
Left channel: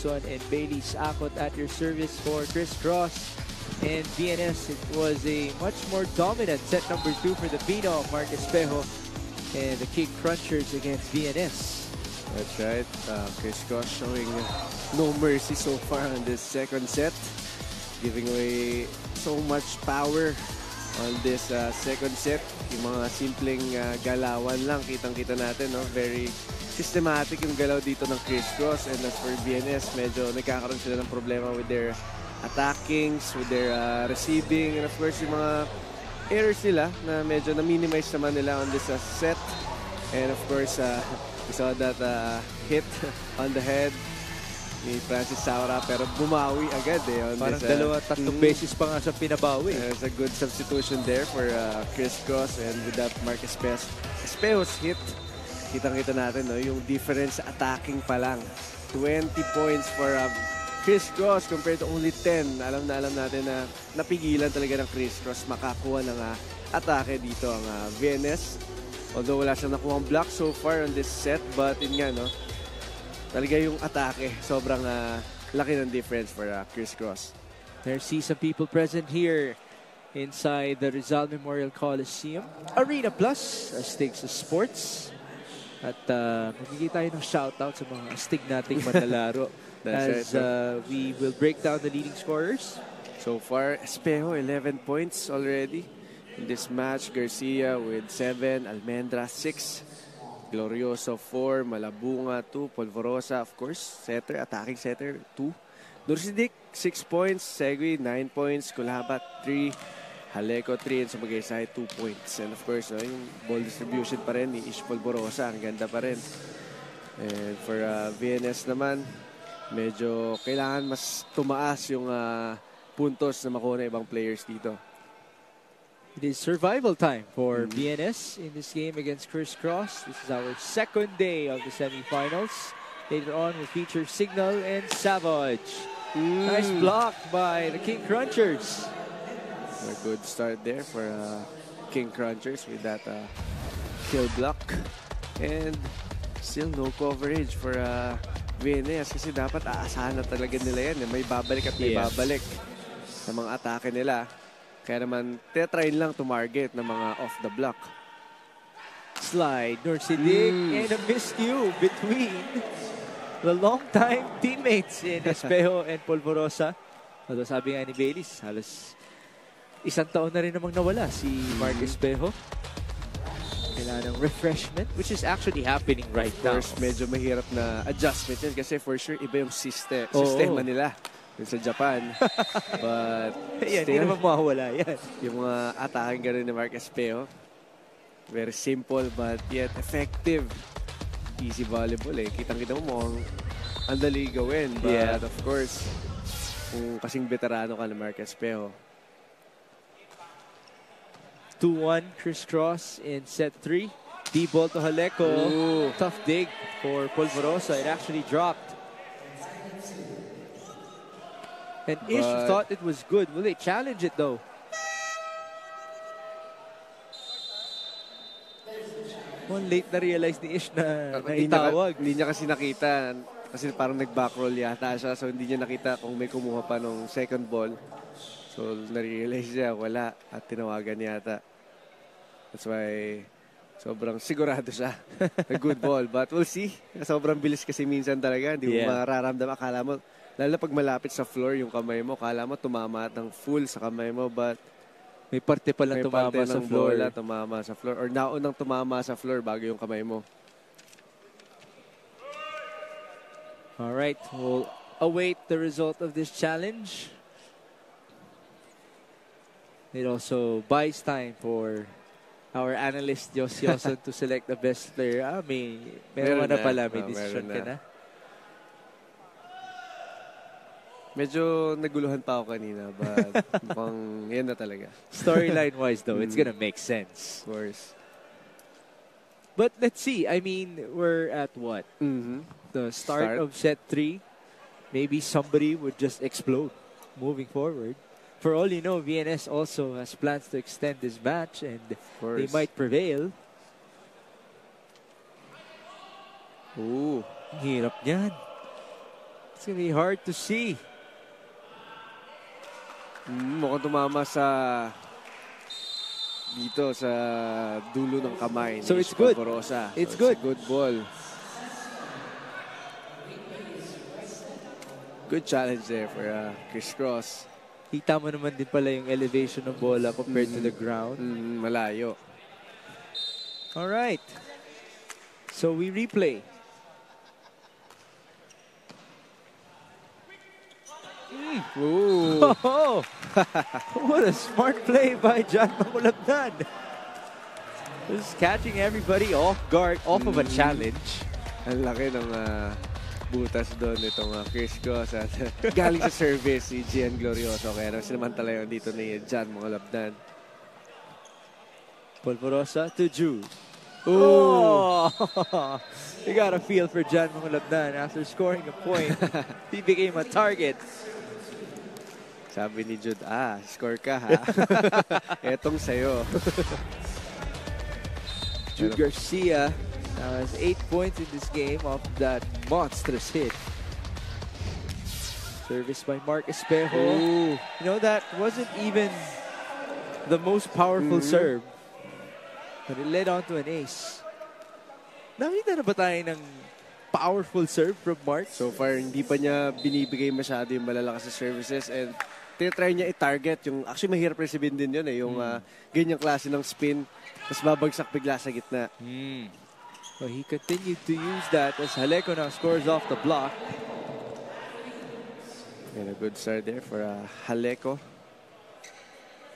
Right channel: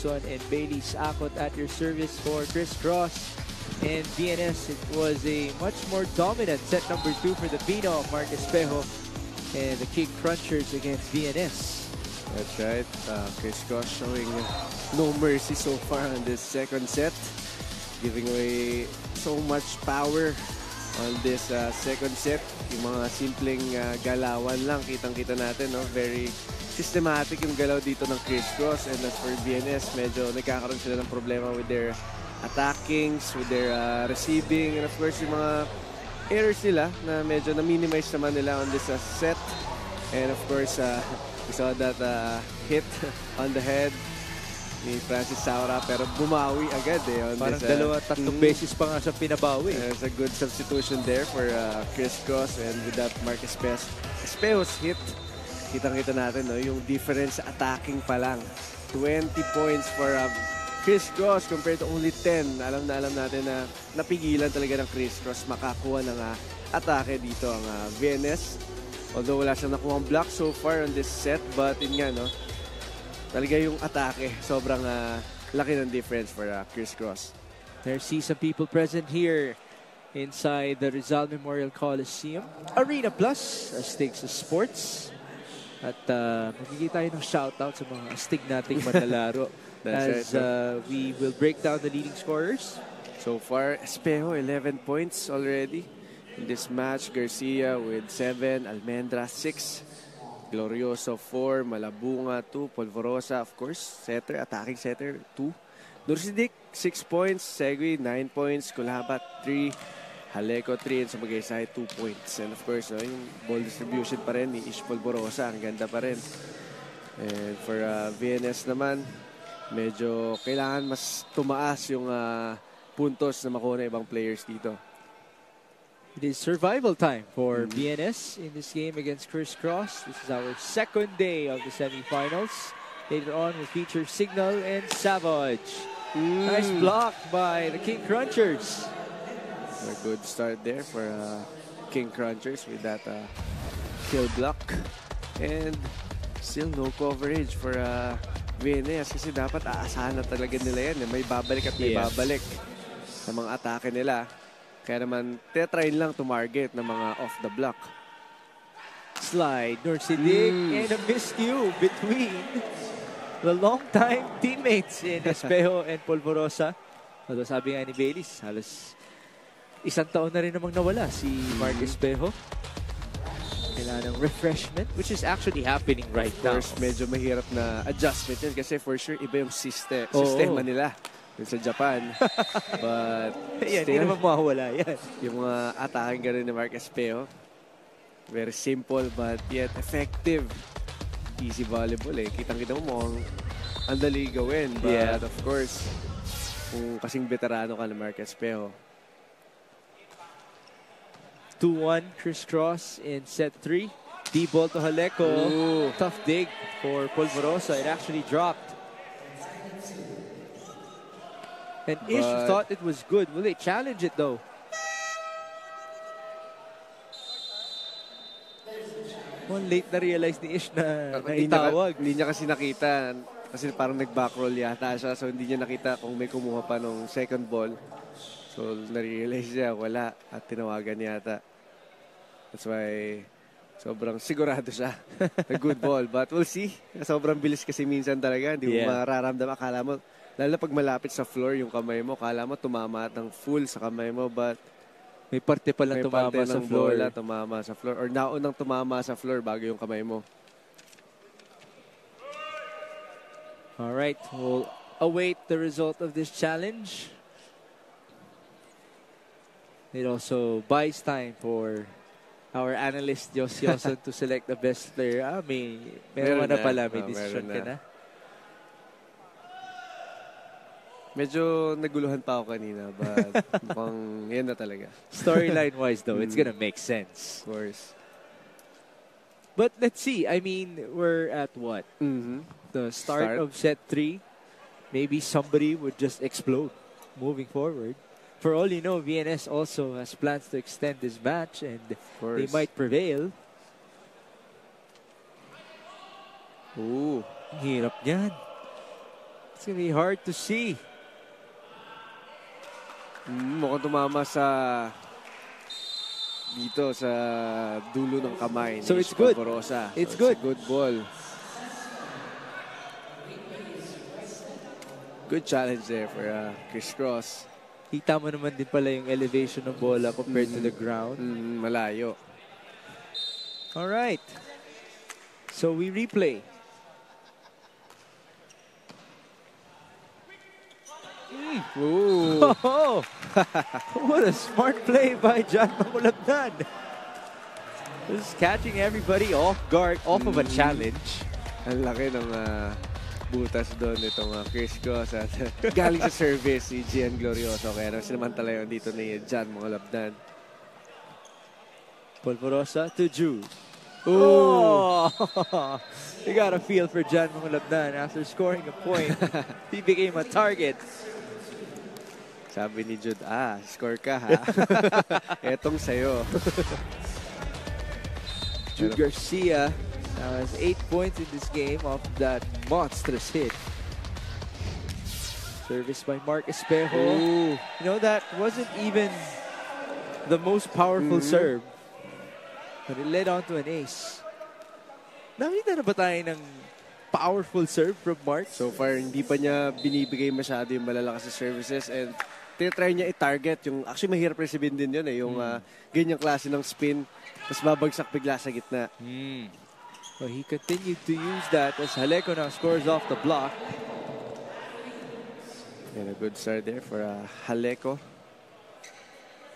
And Bailey Sakot at your service for Chris Cross and BNS. It was a much more dominant set number 2 for the Pino of Mark Espejo and the King Crunchers against BNS. That's right. Chris Cross showing no mercy so far on this second set, giving away so much power on this second set. Yung mga simpleng galawan lang, kitang-kita natin, no? Very systematic yung galaw dito ng Chris Cross, and as for BNS, medyo nagkakaroon sila ng problema with their attackings, with their receiving, and of course yung mga errors nila na medyo na-minimize naman nila on this set. And of course, we saw that hit on the head ni Francis Saura, pero bumawi agad eh. Parang tatlong beses pa nga siya pinabawi. It's a good substitution there for Chris Cross, and with that Marcus Espejo's hit, kitang-kita natin yung difference sa attacking pa lang. 20 points for Chris Cross compared to only 10. Alam natin na napigilan talaga ng Chris Cross makakuha ng atake dito ang VNS. Although wala siyang nakuha ang block so far on this set, but yun nga, no? Talaga yung atake, sobrang laki ng difference for Chris Cross. There see some people present here inside the Rizal Memorial Coliseum. Arena Plus, Stakes of Sports. At magiging tayo ng shoutout sa mga astig nating manlalaro as we will break down the leading scorers. So far, Espejo, 11 points already. In this match, Garcia with 7, Almendra 6, Glorioso 4, Malabunga 2, Polvorosa of course, setter, attacking setter 2, Nursidik 6 points, Segui 9 points, Kulabat 3, Haleco 3, and Sumagaysay 2 points. And of course, yung ball distribution pa rin ni Ish Polvorosa, ang ganda pa rin. And for VNS naman, medyo kailangan mas tumaas yung puntos na makuha ng ibang players dito. It is survival time for VNS in this game against Chris Cross. This is our second day of the semifinals. Later on, we'll feature Signal and Savage. Nice block by the King Crunchers. A good start there for King Crunchers with that kill block. And still no coverage for VNS kasi dapat aasahan na talaga nila yan. May babalik at may babalik sa mga atake nila. Kaya naman, try lang to target ng mga off the block. Slide, Nursidik, and a miscue between the long-time teammates in Espejo and Polvorosa. Although sabi nga ni Baylis, halos isang taon na rin namang nawala si Mark Espejo. Kailangan ng refreshment, which is actually happening right now. First, medyo mahirap na adjustment yun kasi for sure iba yung sistema nila. Sa Japan. But yan, hindi naman mawawala yan. Yung mga atake gano'n ni Mark Espejo, very simple but yet effective. Easy volleyball eh. Kitang-kita mo ang dali gawin. But of course, kung kasing veterano ka ni Mark Espejo. 2-1 Chris Cross in set 3. D-ball to Haleco. Tough dig for Polvorosa. It actually dropped. And Ish thought it was good. Will they challenge it though? Well, late na realize ni Ish na itawag. Hindi niya kasi nakita. Kasi parang nag-backroll yata siya. So hindi niya nakita kung may kumuha pa nung second ball. So na-realize niya, wala. At tinawagan niya yata. That's why sobrang sigurado siya. A good ball. But we'll see. Sobrang bilis kasi minsan talaga. Hindi mo mararamdam. Akala mo, lalo pag malapit sa floor yung kamay mo, kala mo tumama ng full sa kamay mo, but may parte pa lang tumama sa floor. Tumama sa floor. Or naunang tumama sa floor bago yung kamay mo. Alright, we'll await the result of this challenge. It also buys time for our analyst, Jos Yoson, to select the best player. Meron na pala, may decision ka na. Medyo naguluhan pa ako kanina, but mukhang yan na talaga. Storyline-wise though, it's gonna make sense. Of course. But let's see. I mean, we're at what? The start of set 3. Maybe somebody would just explode moving forward. For all you know, VNS also has plans to extend this match and they might prevail. Ooh, hirap niyan. It's gonna be hard to see. Mukhang tumama dito sa dulo ng kamay. So it's good. It's good. A good ball. Good challenge there for Chris Cross. Kita mo naman din pala yung elevation ng bola compared to the ground. Malayo. Alright. So we replay. Oh, what a smart play by John Makulabdan. Just catching everybody off guard, off of a challenge. Ang laki ng butas doon itong Chris Cross at galing sa service si Gian Glorioso. Kaya nang sinamantala yun dito ni Jan Mangalabdan. Polvorosa to Jude. Oh! You got a feel for Jan Mangalabdan. After scoring a point, he became a target. Sabi ni Jude, score ka ha. Etong sa'yo. Jude Garcia has 8 points in this game off that monstrous hit. Service by Mark Espejo. Ooh. You know, that wasn't even the most powerful serve. But it led on to an ace. Nakita na ba tayo ng powerful serve from Mark? So far, hindi pa niya binibigay masyado yung malalakas na services and tinatry niya i-target yung, actually mahirap resibin din yun yung ganyang klase ng spin, tapos babagsak bigla sa gitna. Well, he continued to use that as Jaleco now scores off the block. And a good start there for Jaleco.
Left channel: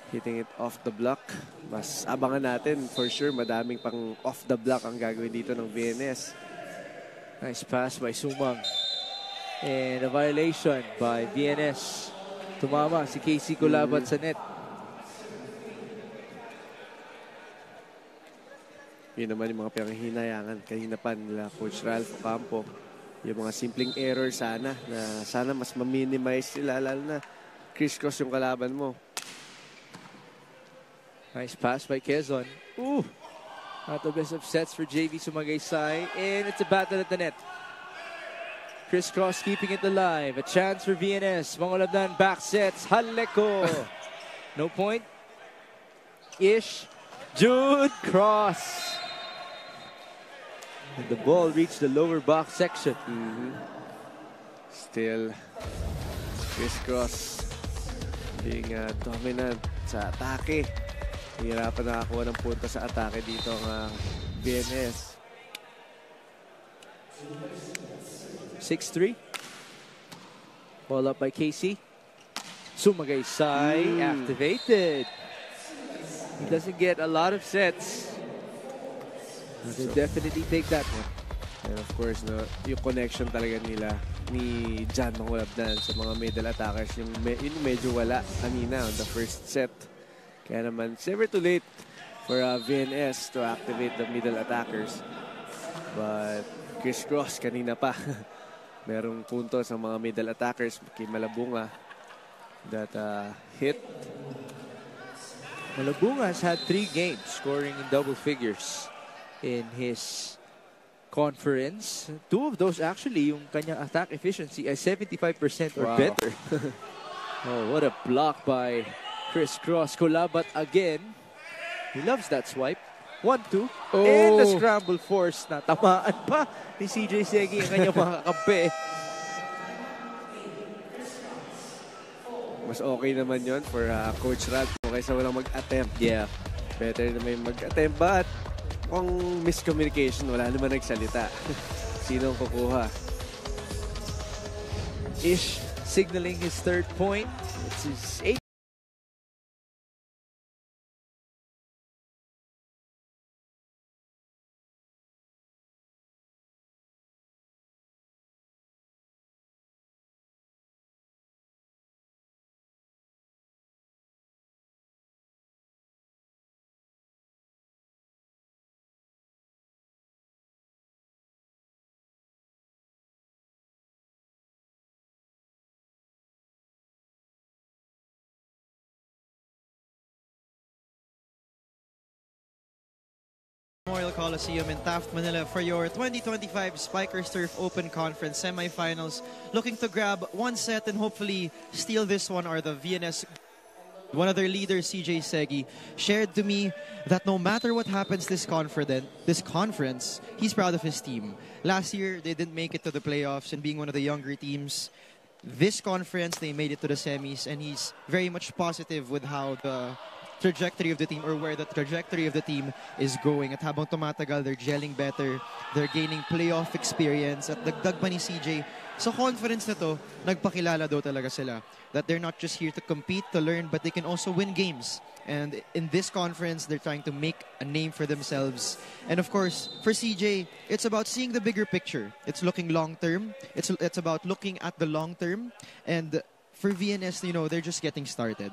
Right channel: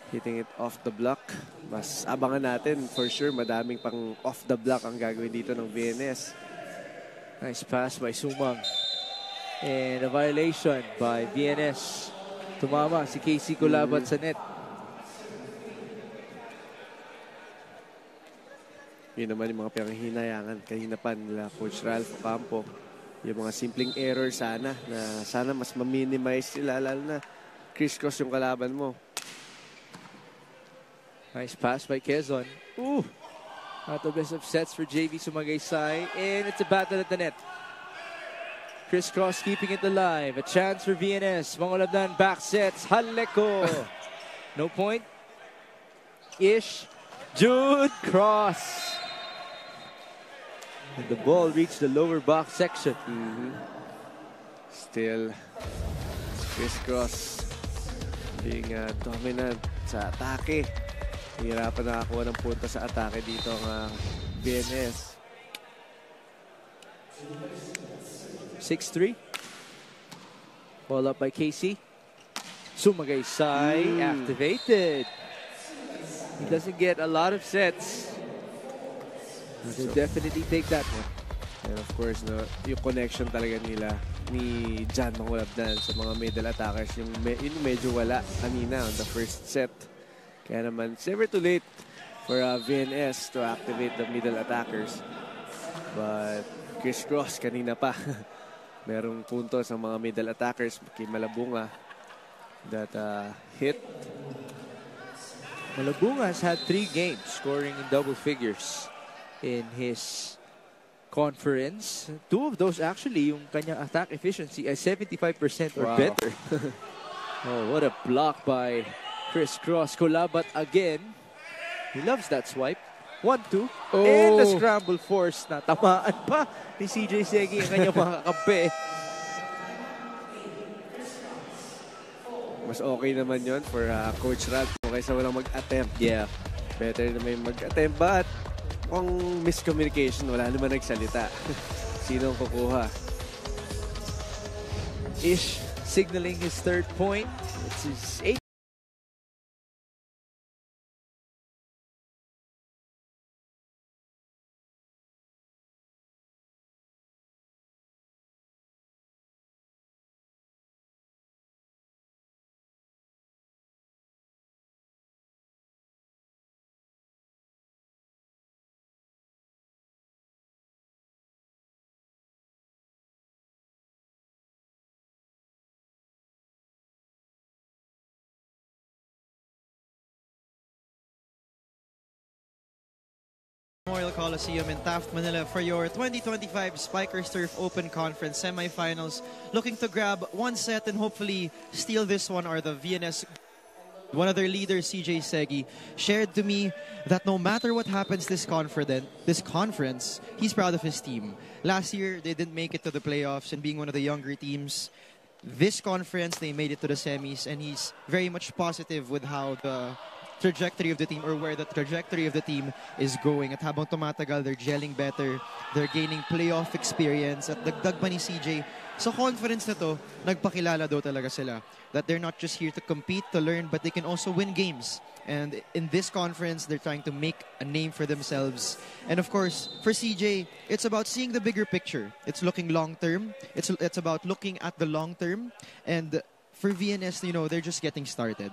Hitting it off the block. Mas abangan natin for sure, madaming pang off the block ang gagawin dito ng VNS. Nice pass by Sumang. And a violation by VNS. Tumama si Casey Colabat sa net. Yun naman yung mga pinanghinayangan kanina pa nila Coach Ralph Ocampo. Yung mga simpleng error sana na sana mas ma-minimize sila, lalo na crisscross yung kalaban mo. Nice pass by Quezon. Ooh! Not the best of sets for JV Sumagaysay. And it's a battle at the net. Crisscross keeping it alive. A chance for VNS. Mangalabdan back sets. Jaleco. No point. Ish. Jude Cross. And the ball reached the lower box section. Still, crisscross being dominant sa atake. Hirapan nakakuha ng punta sa atake dito ang BNS. 6-3. Ball up by Casey. Sumagaysay activated. He doesn't get a lot of sets. They definitely take that one. And of course, yung connection talaga nila ni Jan Mangalabdan sa mga middle attackers, yung medyo wala kanina on the first set. Kaya naman, it's never too late for VNS to activate the middle attackers. But crisscross kanina pa. Merong punto sa mga middle attackers kay Malabunga that hit. Malabunga has had 3 games scoring in double figures in his conference. 2 of those actually, yung kanyang attack efficiency ay 75% or better. Oh, what a block by Crisscross. Colabat again. He loves that swipe. 1-2. And the scramble force na tamaan pa ni CJ Segi ang kanyang mga kakampi. Mas okay naman yon for Coach Ralph kaysa walang mag-attempt. Yeah. Better na may mag-attempt, but kung miscommunication, wala naman nagsalita. Sino ang kukuha? Ish signaling his 3rd point. It's his 8th. Memorial Coliseum in Taft, Manila for your 2025 Spikers Turf Open Conference semifinals. Looking to grab 1 set and hopefully steal this one are the VNS. One of their leaders, CJ Segi, shared to me that no matter what happens this conference, he's proud of his team. Last year, they didn't make it to the playoffs and being one of the younger teams. This conference, they made it to the semis and he's very much positive with how the trajectory of the team or where the trajectory of the team is going. At habang tumatagal, they're gelling better, they're gaining playoff experience. At dagdag pa ni CJ, sa conference na to, nagpakilala daw talaga sila that they're not just here to compete, to learn, but they can also win games. And in this conference, they're trying to make a name for themselves. And of course, for CJ, it's about seeing the bigger picture. It's looking long-term. It's about looking at the long-term. And for VNS, you know, they're just getting started.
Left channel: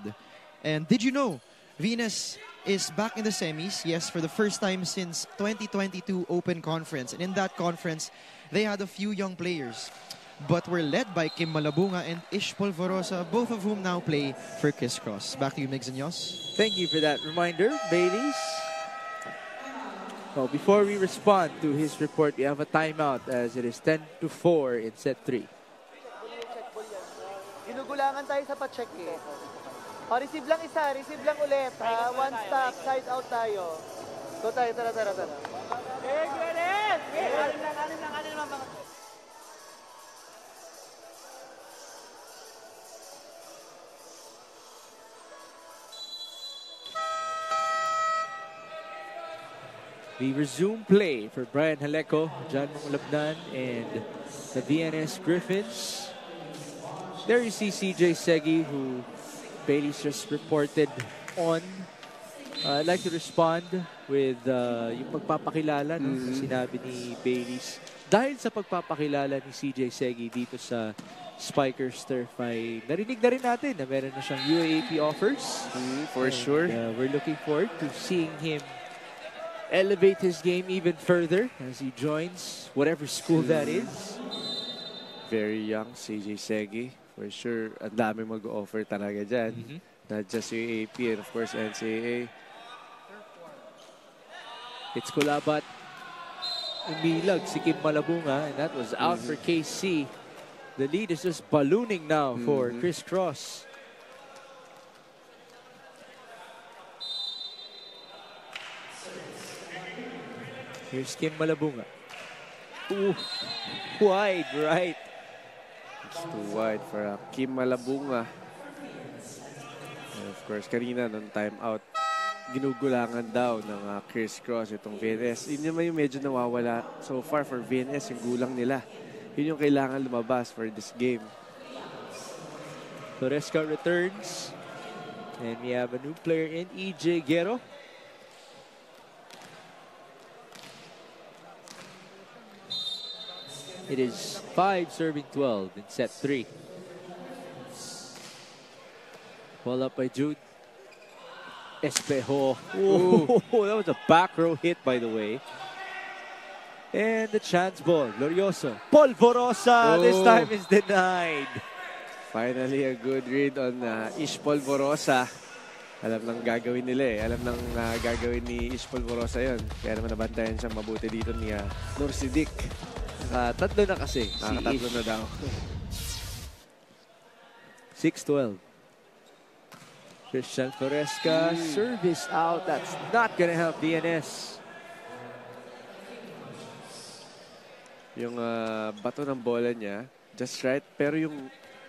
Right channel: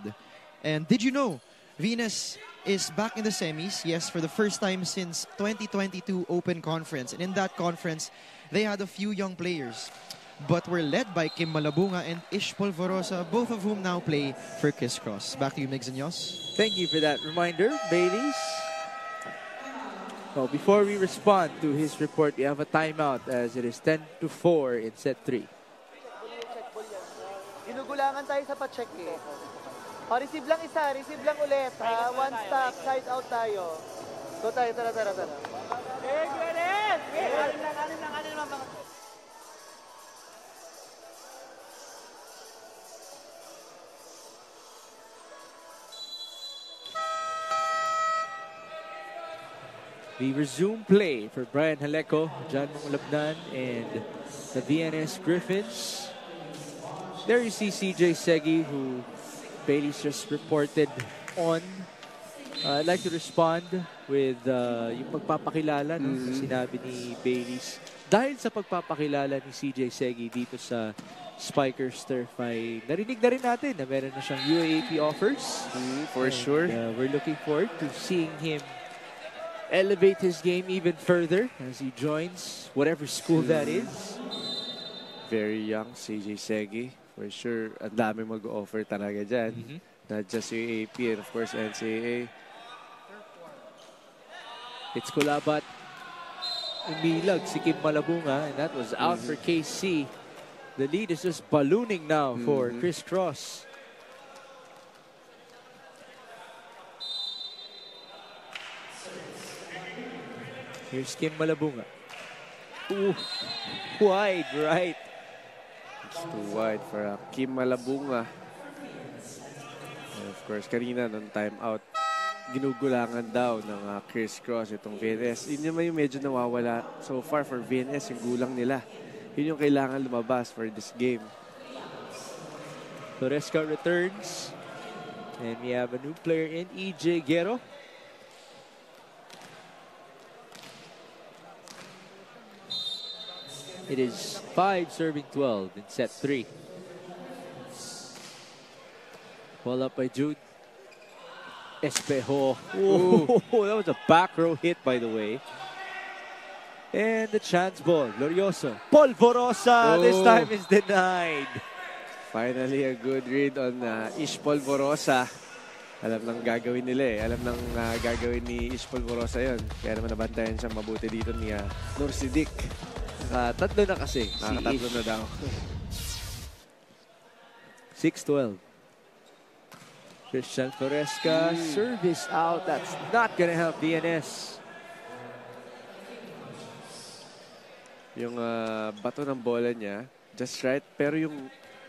And did you know, VNS is back in the semis, yes, for the first time since 2022 Open Conference. And in that conference, they had a few young players, but were led by Kim Malabunga and Ish Polvorosa, both of whom now play for Kiss Cross. Back to you, Migs and Yos. Thank you for that reminder, Baileys. So before we respond to his report, we have a timeout as it is 10-4 in set 3. Ginugulangan tayo sa pa-check eh. Receive lang isa, receive lang ulit. One stop, side out tayo. Go tayo, tara. We resume play for Brian Haleco, John Mulabnan, and the VNS Griffins. There you see CJ Segi, who Bailey's just reported on. I'd like to respond with yung pagpapakilala na sinabi ni Bailey's. Dahil sa pagpapakilala ni CJ Segi dito sa Spikers Turf, ay narinig na rin natin na meron na siyang UAAP offers. For sure. We're looking forward to seeing him elevate his game even further as he joins whatever school that is. Very young CJ Segi. For sure, ang dami mag-offer talaga dyan. Not just UAAP and of course NCAA. It's Kulabat. Umilag si Kim Malabunga, and that was out for KC. The lead is just ballooning now for Chris Cross. Here's Kim Malabunga. Ooh, wide right. It's too wide for Kim Malabunga. And of course, kanina nung time out, ginugulangan daw ng Chris Cross itong VNS. Yun naman yung medyo nawawala so far for VNS, yung gulang nila. Yun yung kailangan lumabas for this game. Toresca returns. And we have a new player in EJ Guerrero. It is 5 serving 12 in set 3. Ball up by Jude. Espejo. Oh, that was a back row hit, by the way. And the chance ball. Glorioso. Polvorosa. This time is denied. Finally, a good read on Ish Polvorosa. Alam nang gagawin nila eh. Alam nang gagawin ni Ish Polvorosa yun. Kaya naman nabantayan siyang mabuti dito ni Nur Sidik. Tatlo na kasi. Nakatatlo na daw. 6-12. Christian Toresca. Service out. That's not gonna help DNS. Yung bato ng bola niya, just right. Pero yung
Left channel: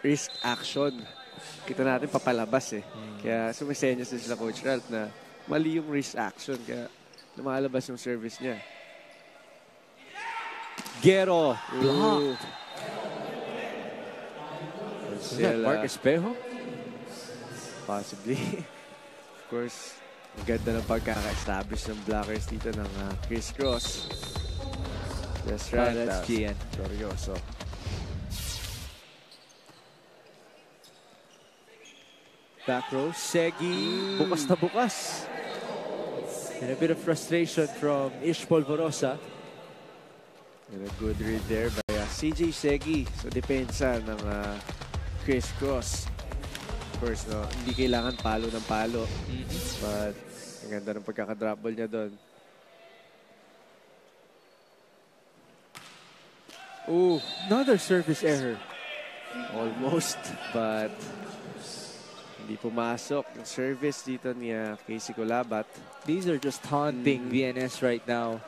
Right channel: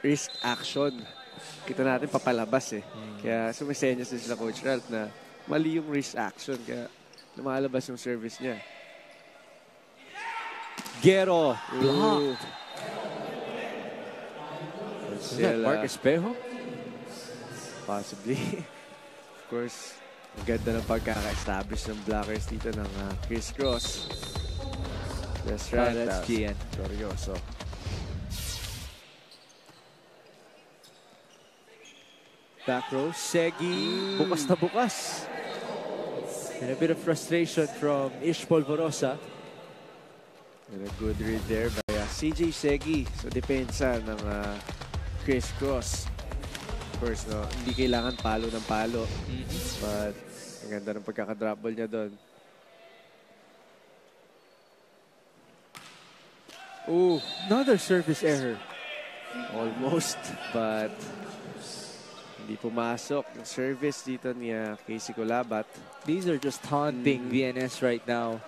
wrist action, kita natin papalabas eh. Kaya sumisenyas sa Coach Ralph na mali yung wrist action. Kaya lumalabas yung service niya. Guerrero. Blocked. Mark Espejo? Possibly. Of course, maganda ng pagkaka-establish ng blockers dito ng Chris Cross. That's right. That's GN. Glorioso. Back row, Segi. Bukas na bukas. And a bit of frustration from Ish Polvorosa. And a good read there by CJ Segi sa depensa ng Chris Cross. Of course, no, hindi kailangan palo ng palo. But ang ganda ng pagkaka-drop ball niya doon. Oh, another service error. Almost, but hindi pumasok yung service dito ni Casey Kulabat. These are just taunting VNS right now.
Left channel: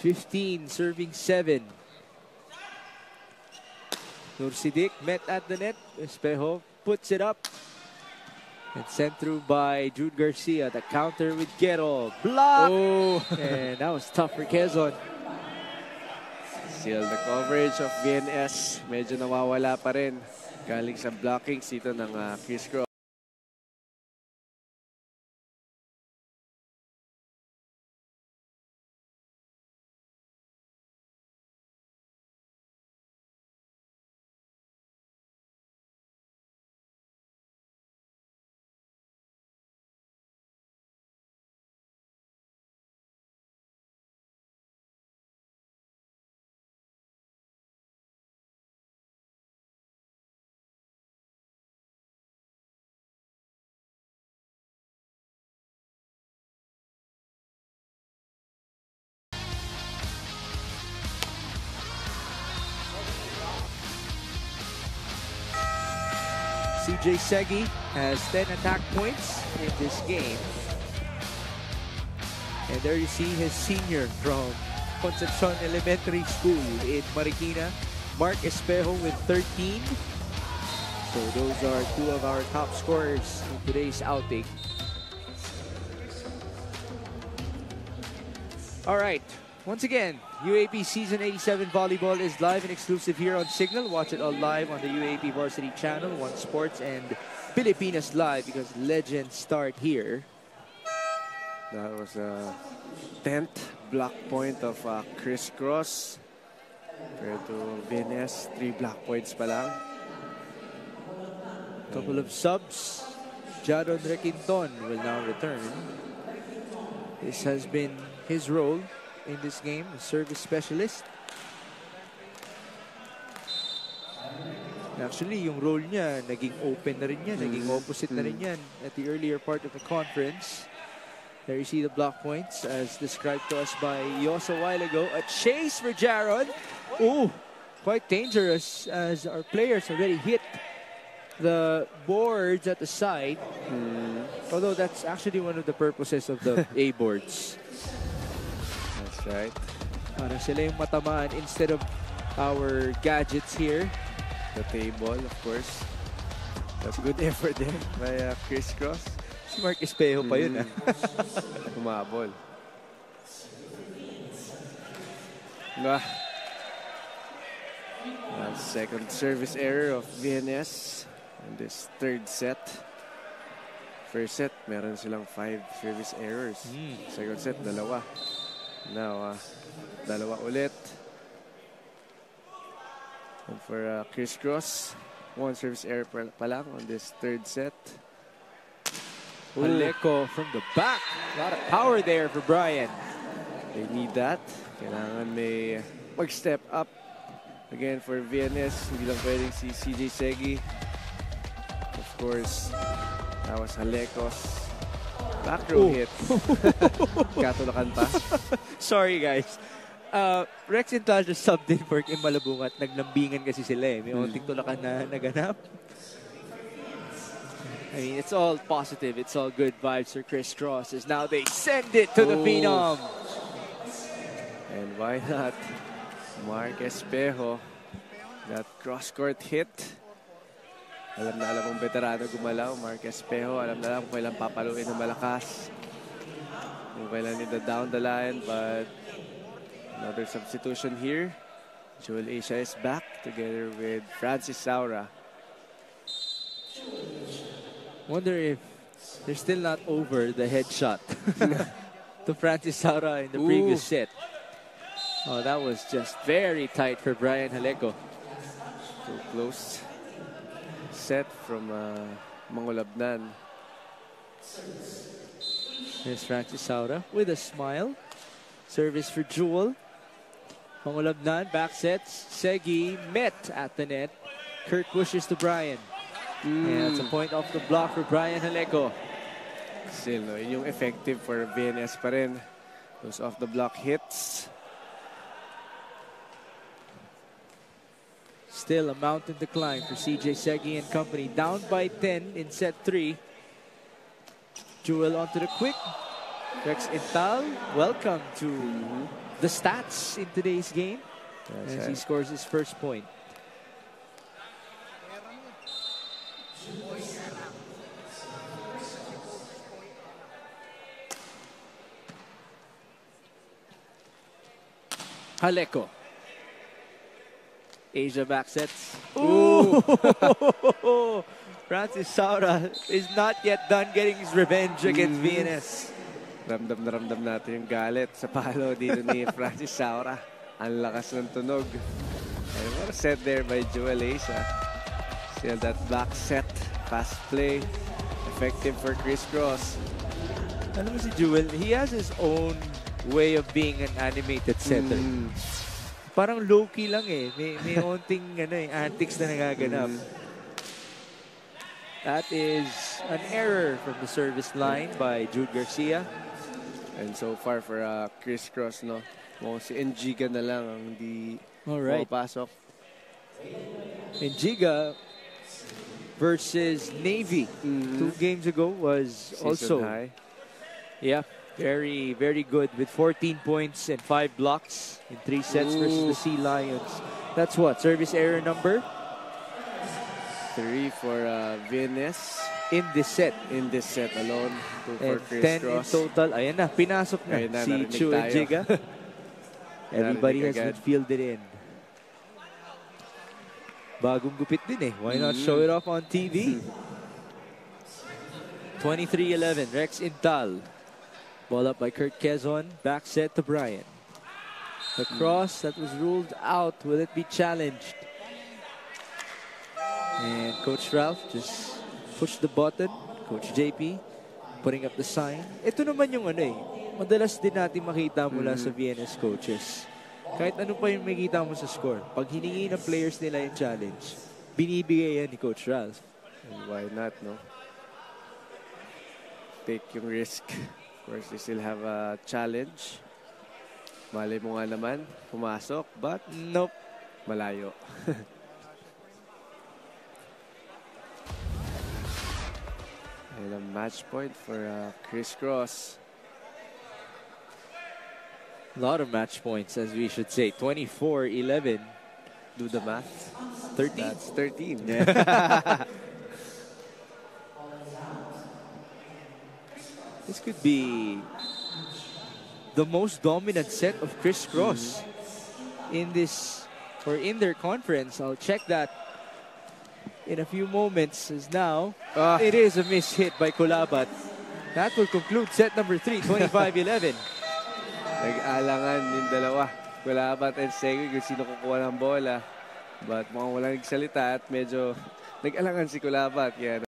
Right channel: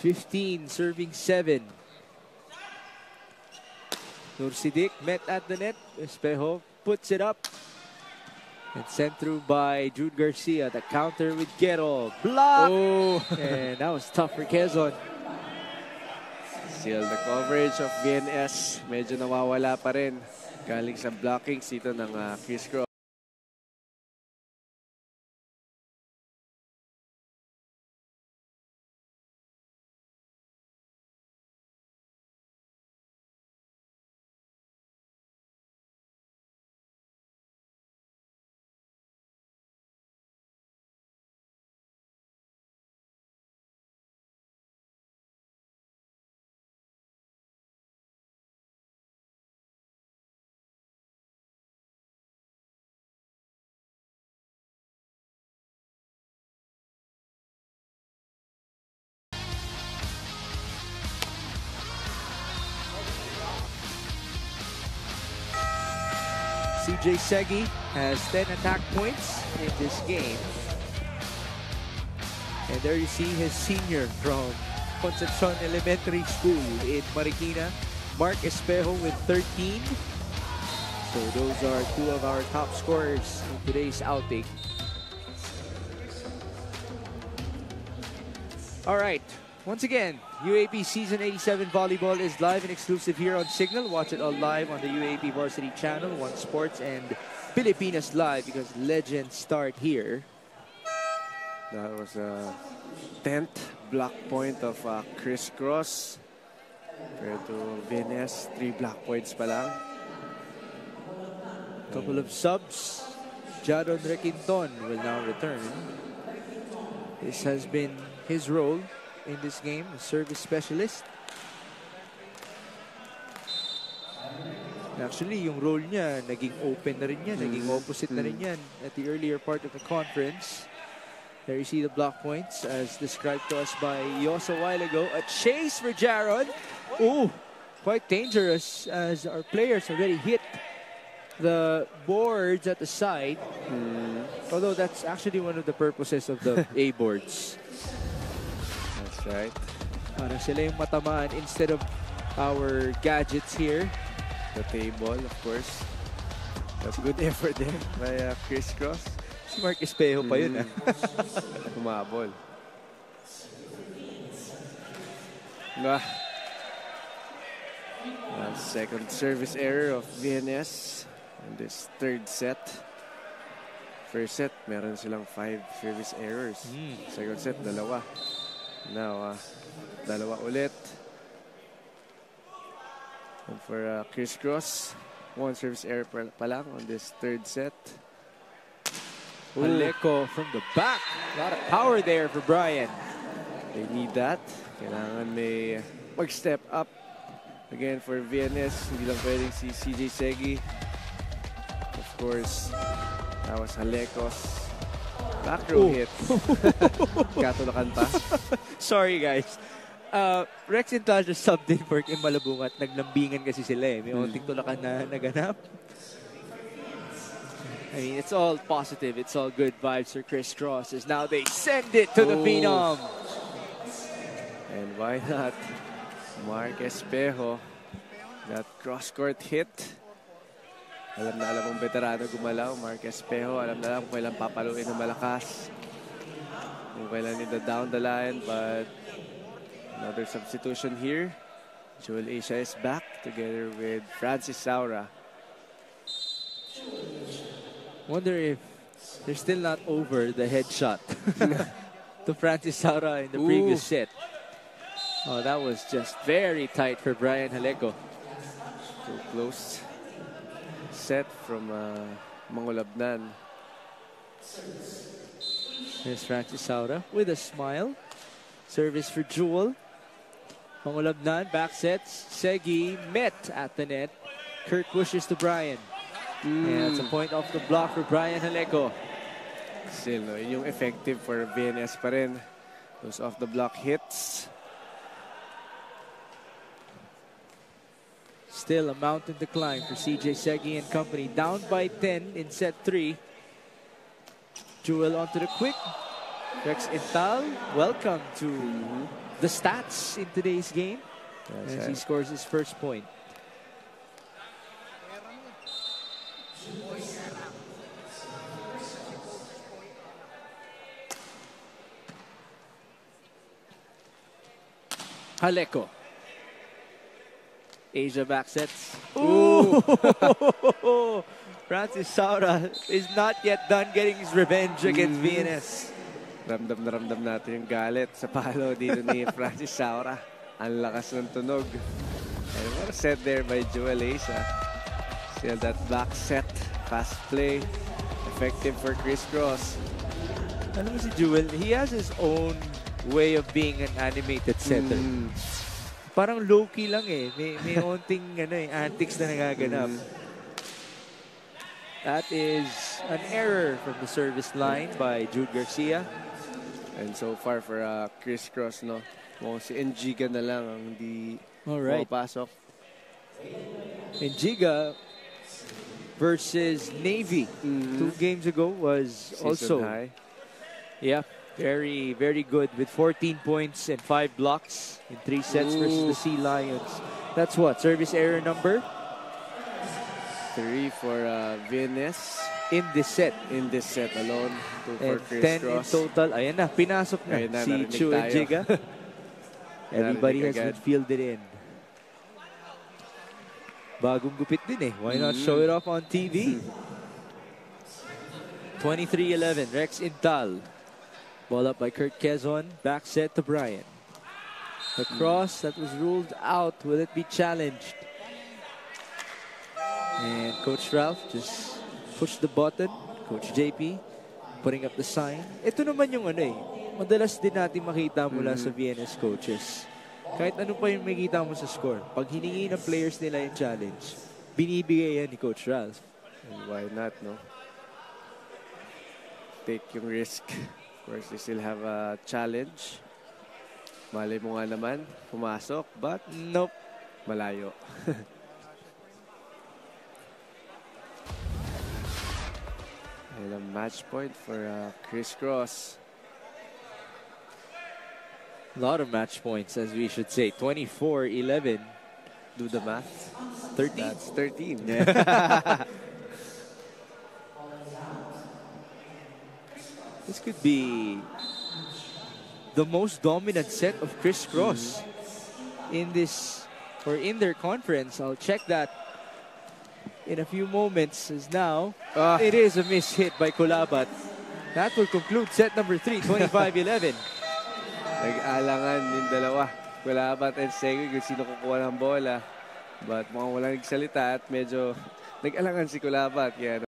$15 serving 7. Nursidik met at the net. Espejo puts it up. And sent through by Jude Garcia. The counter with Guerrero. Block! Oh. And that was tough for Quezon. Still the coverage of VNS. Medyo nawawala pa rin. Galing sa blockings dito ng Chris Cross. CJ Segi has 10 attack points in this game. And there you see his senior from Concepcion Elementary School in Marikina, Mark Espejo with 13. So those are two of our top scorers in today's outing. All right. Once again, UAP Season 87 Volleyball is live and exclusive here on Signal. Watch it all live on the UAP Varsity Channel, One Sports, and Pilipinas Live because legends start here. That was a 10th block point of Chris Cross. Compared to VNS, 3 block points pa lang. Couple of subs. Jaron Requinton will now return. This has been his role in this game, a service specialist. Actually, yung role niya, naging open na rin yan, naging opposite na rin yan at the earlier part of the conference. There you see the block points as described to us by Yos a while ago. A chase for Jaron. Ooh, quite dangerous as our players already hit the boards at the side. Although that's actually one of the purposes of the A boards. That's right. Para sila yung matamaan instead of our gadgets here. The table, of course. That's good effort there by Chris Cross. Si Mark Espejo pa yun. Humabol. Second service error of VNS in this third set. First set, meron silang 5 service errors. Second set, dalawa. Now, dalawa ulit. And for Chris Cross, 1 service error pa lang on this third set. Aleko from the back. A lot of power there for Brian. They need that. Kailangan may mag-step up. Again, for VNS, hindi lang pwedeng si CJ Segi. Of course, that was Aleko's back row hit. Katulakan pa. Sorry, guys. Rex Intal just subbed in for Kim Malabungat. Naglambingan kasi sila eh. May onting tulakan na naganap. I mean, it's all positive. It's all good vibes for Chris Cross as now they send it to the Phenom. And why not? Mark Espejo. That cross-court hit. Alam na alam ang veterano gumalaw. Mark Espejo, alam na alam kung kailan papaluin ng malakas. Kung kailan nila down the line, but another substitution here. Joel Asia is back together with Francis Saura. Wonder if they're still not over the headshot to Francis Saura in the previous set. Oh, that was just very tight for Brian Haleko. So close set from Mangulabnan. Here's Francis Saura with a smile. Service for Jewel. Mangulabnan back sets. Segi met at the net. Kirk wishes to Brian. And that's a point off the block for Brian Haleko. Still, no, yung effective for VNS pa rin. Those off the block hits. Still a mountain to climb for CJ Segi and company. Down by 10 in set 3. Jewel onto the quick. Rex Intal, welcome to the stats in today's game. As he scores his first point. Haleko. Asia back sets. Ooh! Francis Saura is not yet done getting his revenge against VNS. Ramdam na ramdam natin yung galit sa palo dito ni Francis Saura. Ang lakas ng tunog. And what a set there by Joel Asia. Still that back set. Fast play. Effective for Chris Cross. Ano mo si Jewel? He has his own way of being an animated setter. Parang low-key lang eh. May onting antics na nagaganap. That is an error from the service line by Jude Garcia. And so far for Chris Cross, no? Si Enjiga na lang ang hindi pasok. Enjiga versus Navy 2 games ago was Season also high. Yeah, very, very good with 14 points and 5 blocks in 3 sets versus the Sea Lions. That's what? Service error number? 3 for VNS. In this set. In this set alone. 2 for And Chris 10 Cross. in total. Ayan na, pinasok na, Ayan na, si narinig Chu tayo. Enjiga. Everybody has Narinig been fielded in. Bagong gupit din eh. Why not show it off on TV? 23-11, Rex Intal. Ball up by Kurt Quezon. Back set to Brian. The cross that was ruled out. Will it be challenged? And Coach Ralph just pushed the button. Coach JP putting up the sign. Ito naman yung madalas din natin makita mula sa VNS coaches. Kahit ano pa yung makita mo sa score, pag hiningi ng players nila yung challenge, binibigay yan ni Coach Ralph. And why not, no? Take yung risk. Of course, you still have a challenge. Malay mo nga naman, pumasok, but nope, malayo. And a match point for Chris Cross. A lot of match points, as we should say. 24-11. Do the math. 13. That's 13. This could be the most dominant set of Chris Cross in this, or in their conference. I'll check that in a few moments, as now it is a miss hit by Kulabat. That will conclude set number 3, 25-11. Nag-alangan yung dalawa. Kulabat and Segi kung sino kukuha ng bola. But mukhang walang nagsalita at medyo nag-alangan si Kulabat. Yan.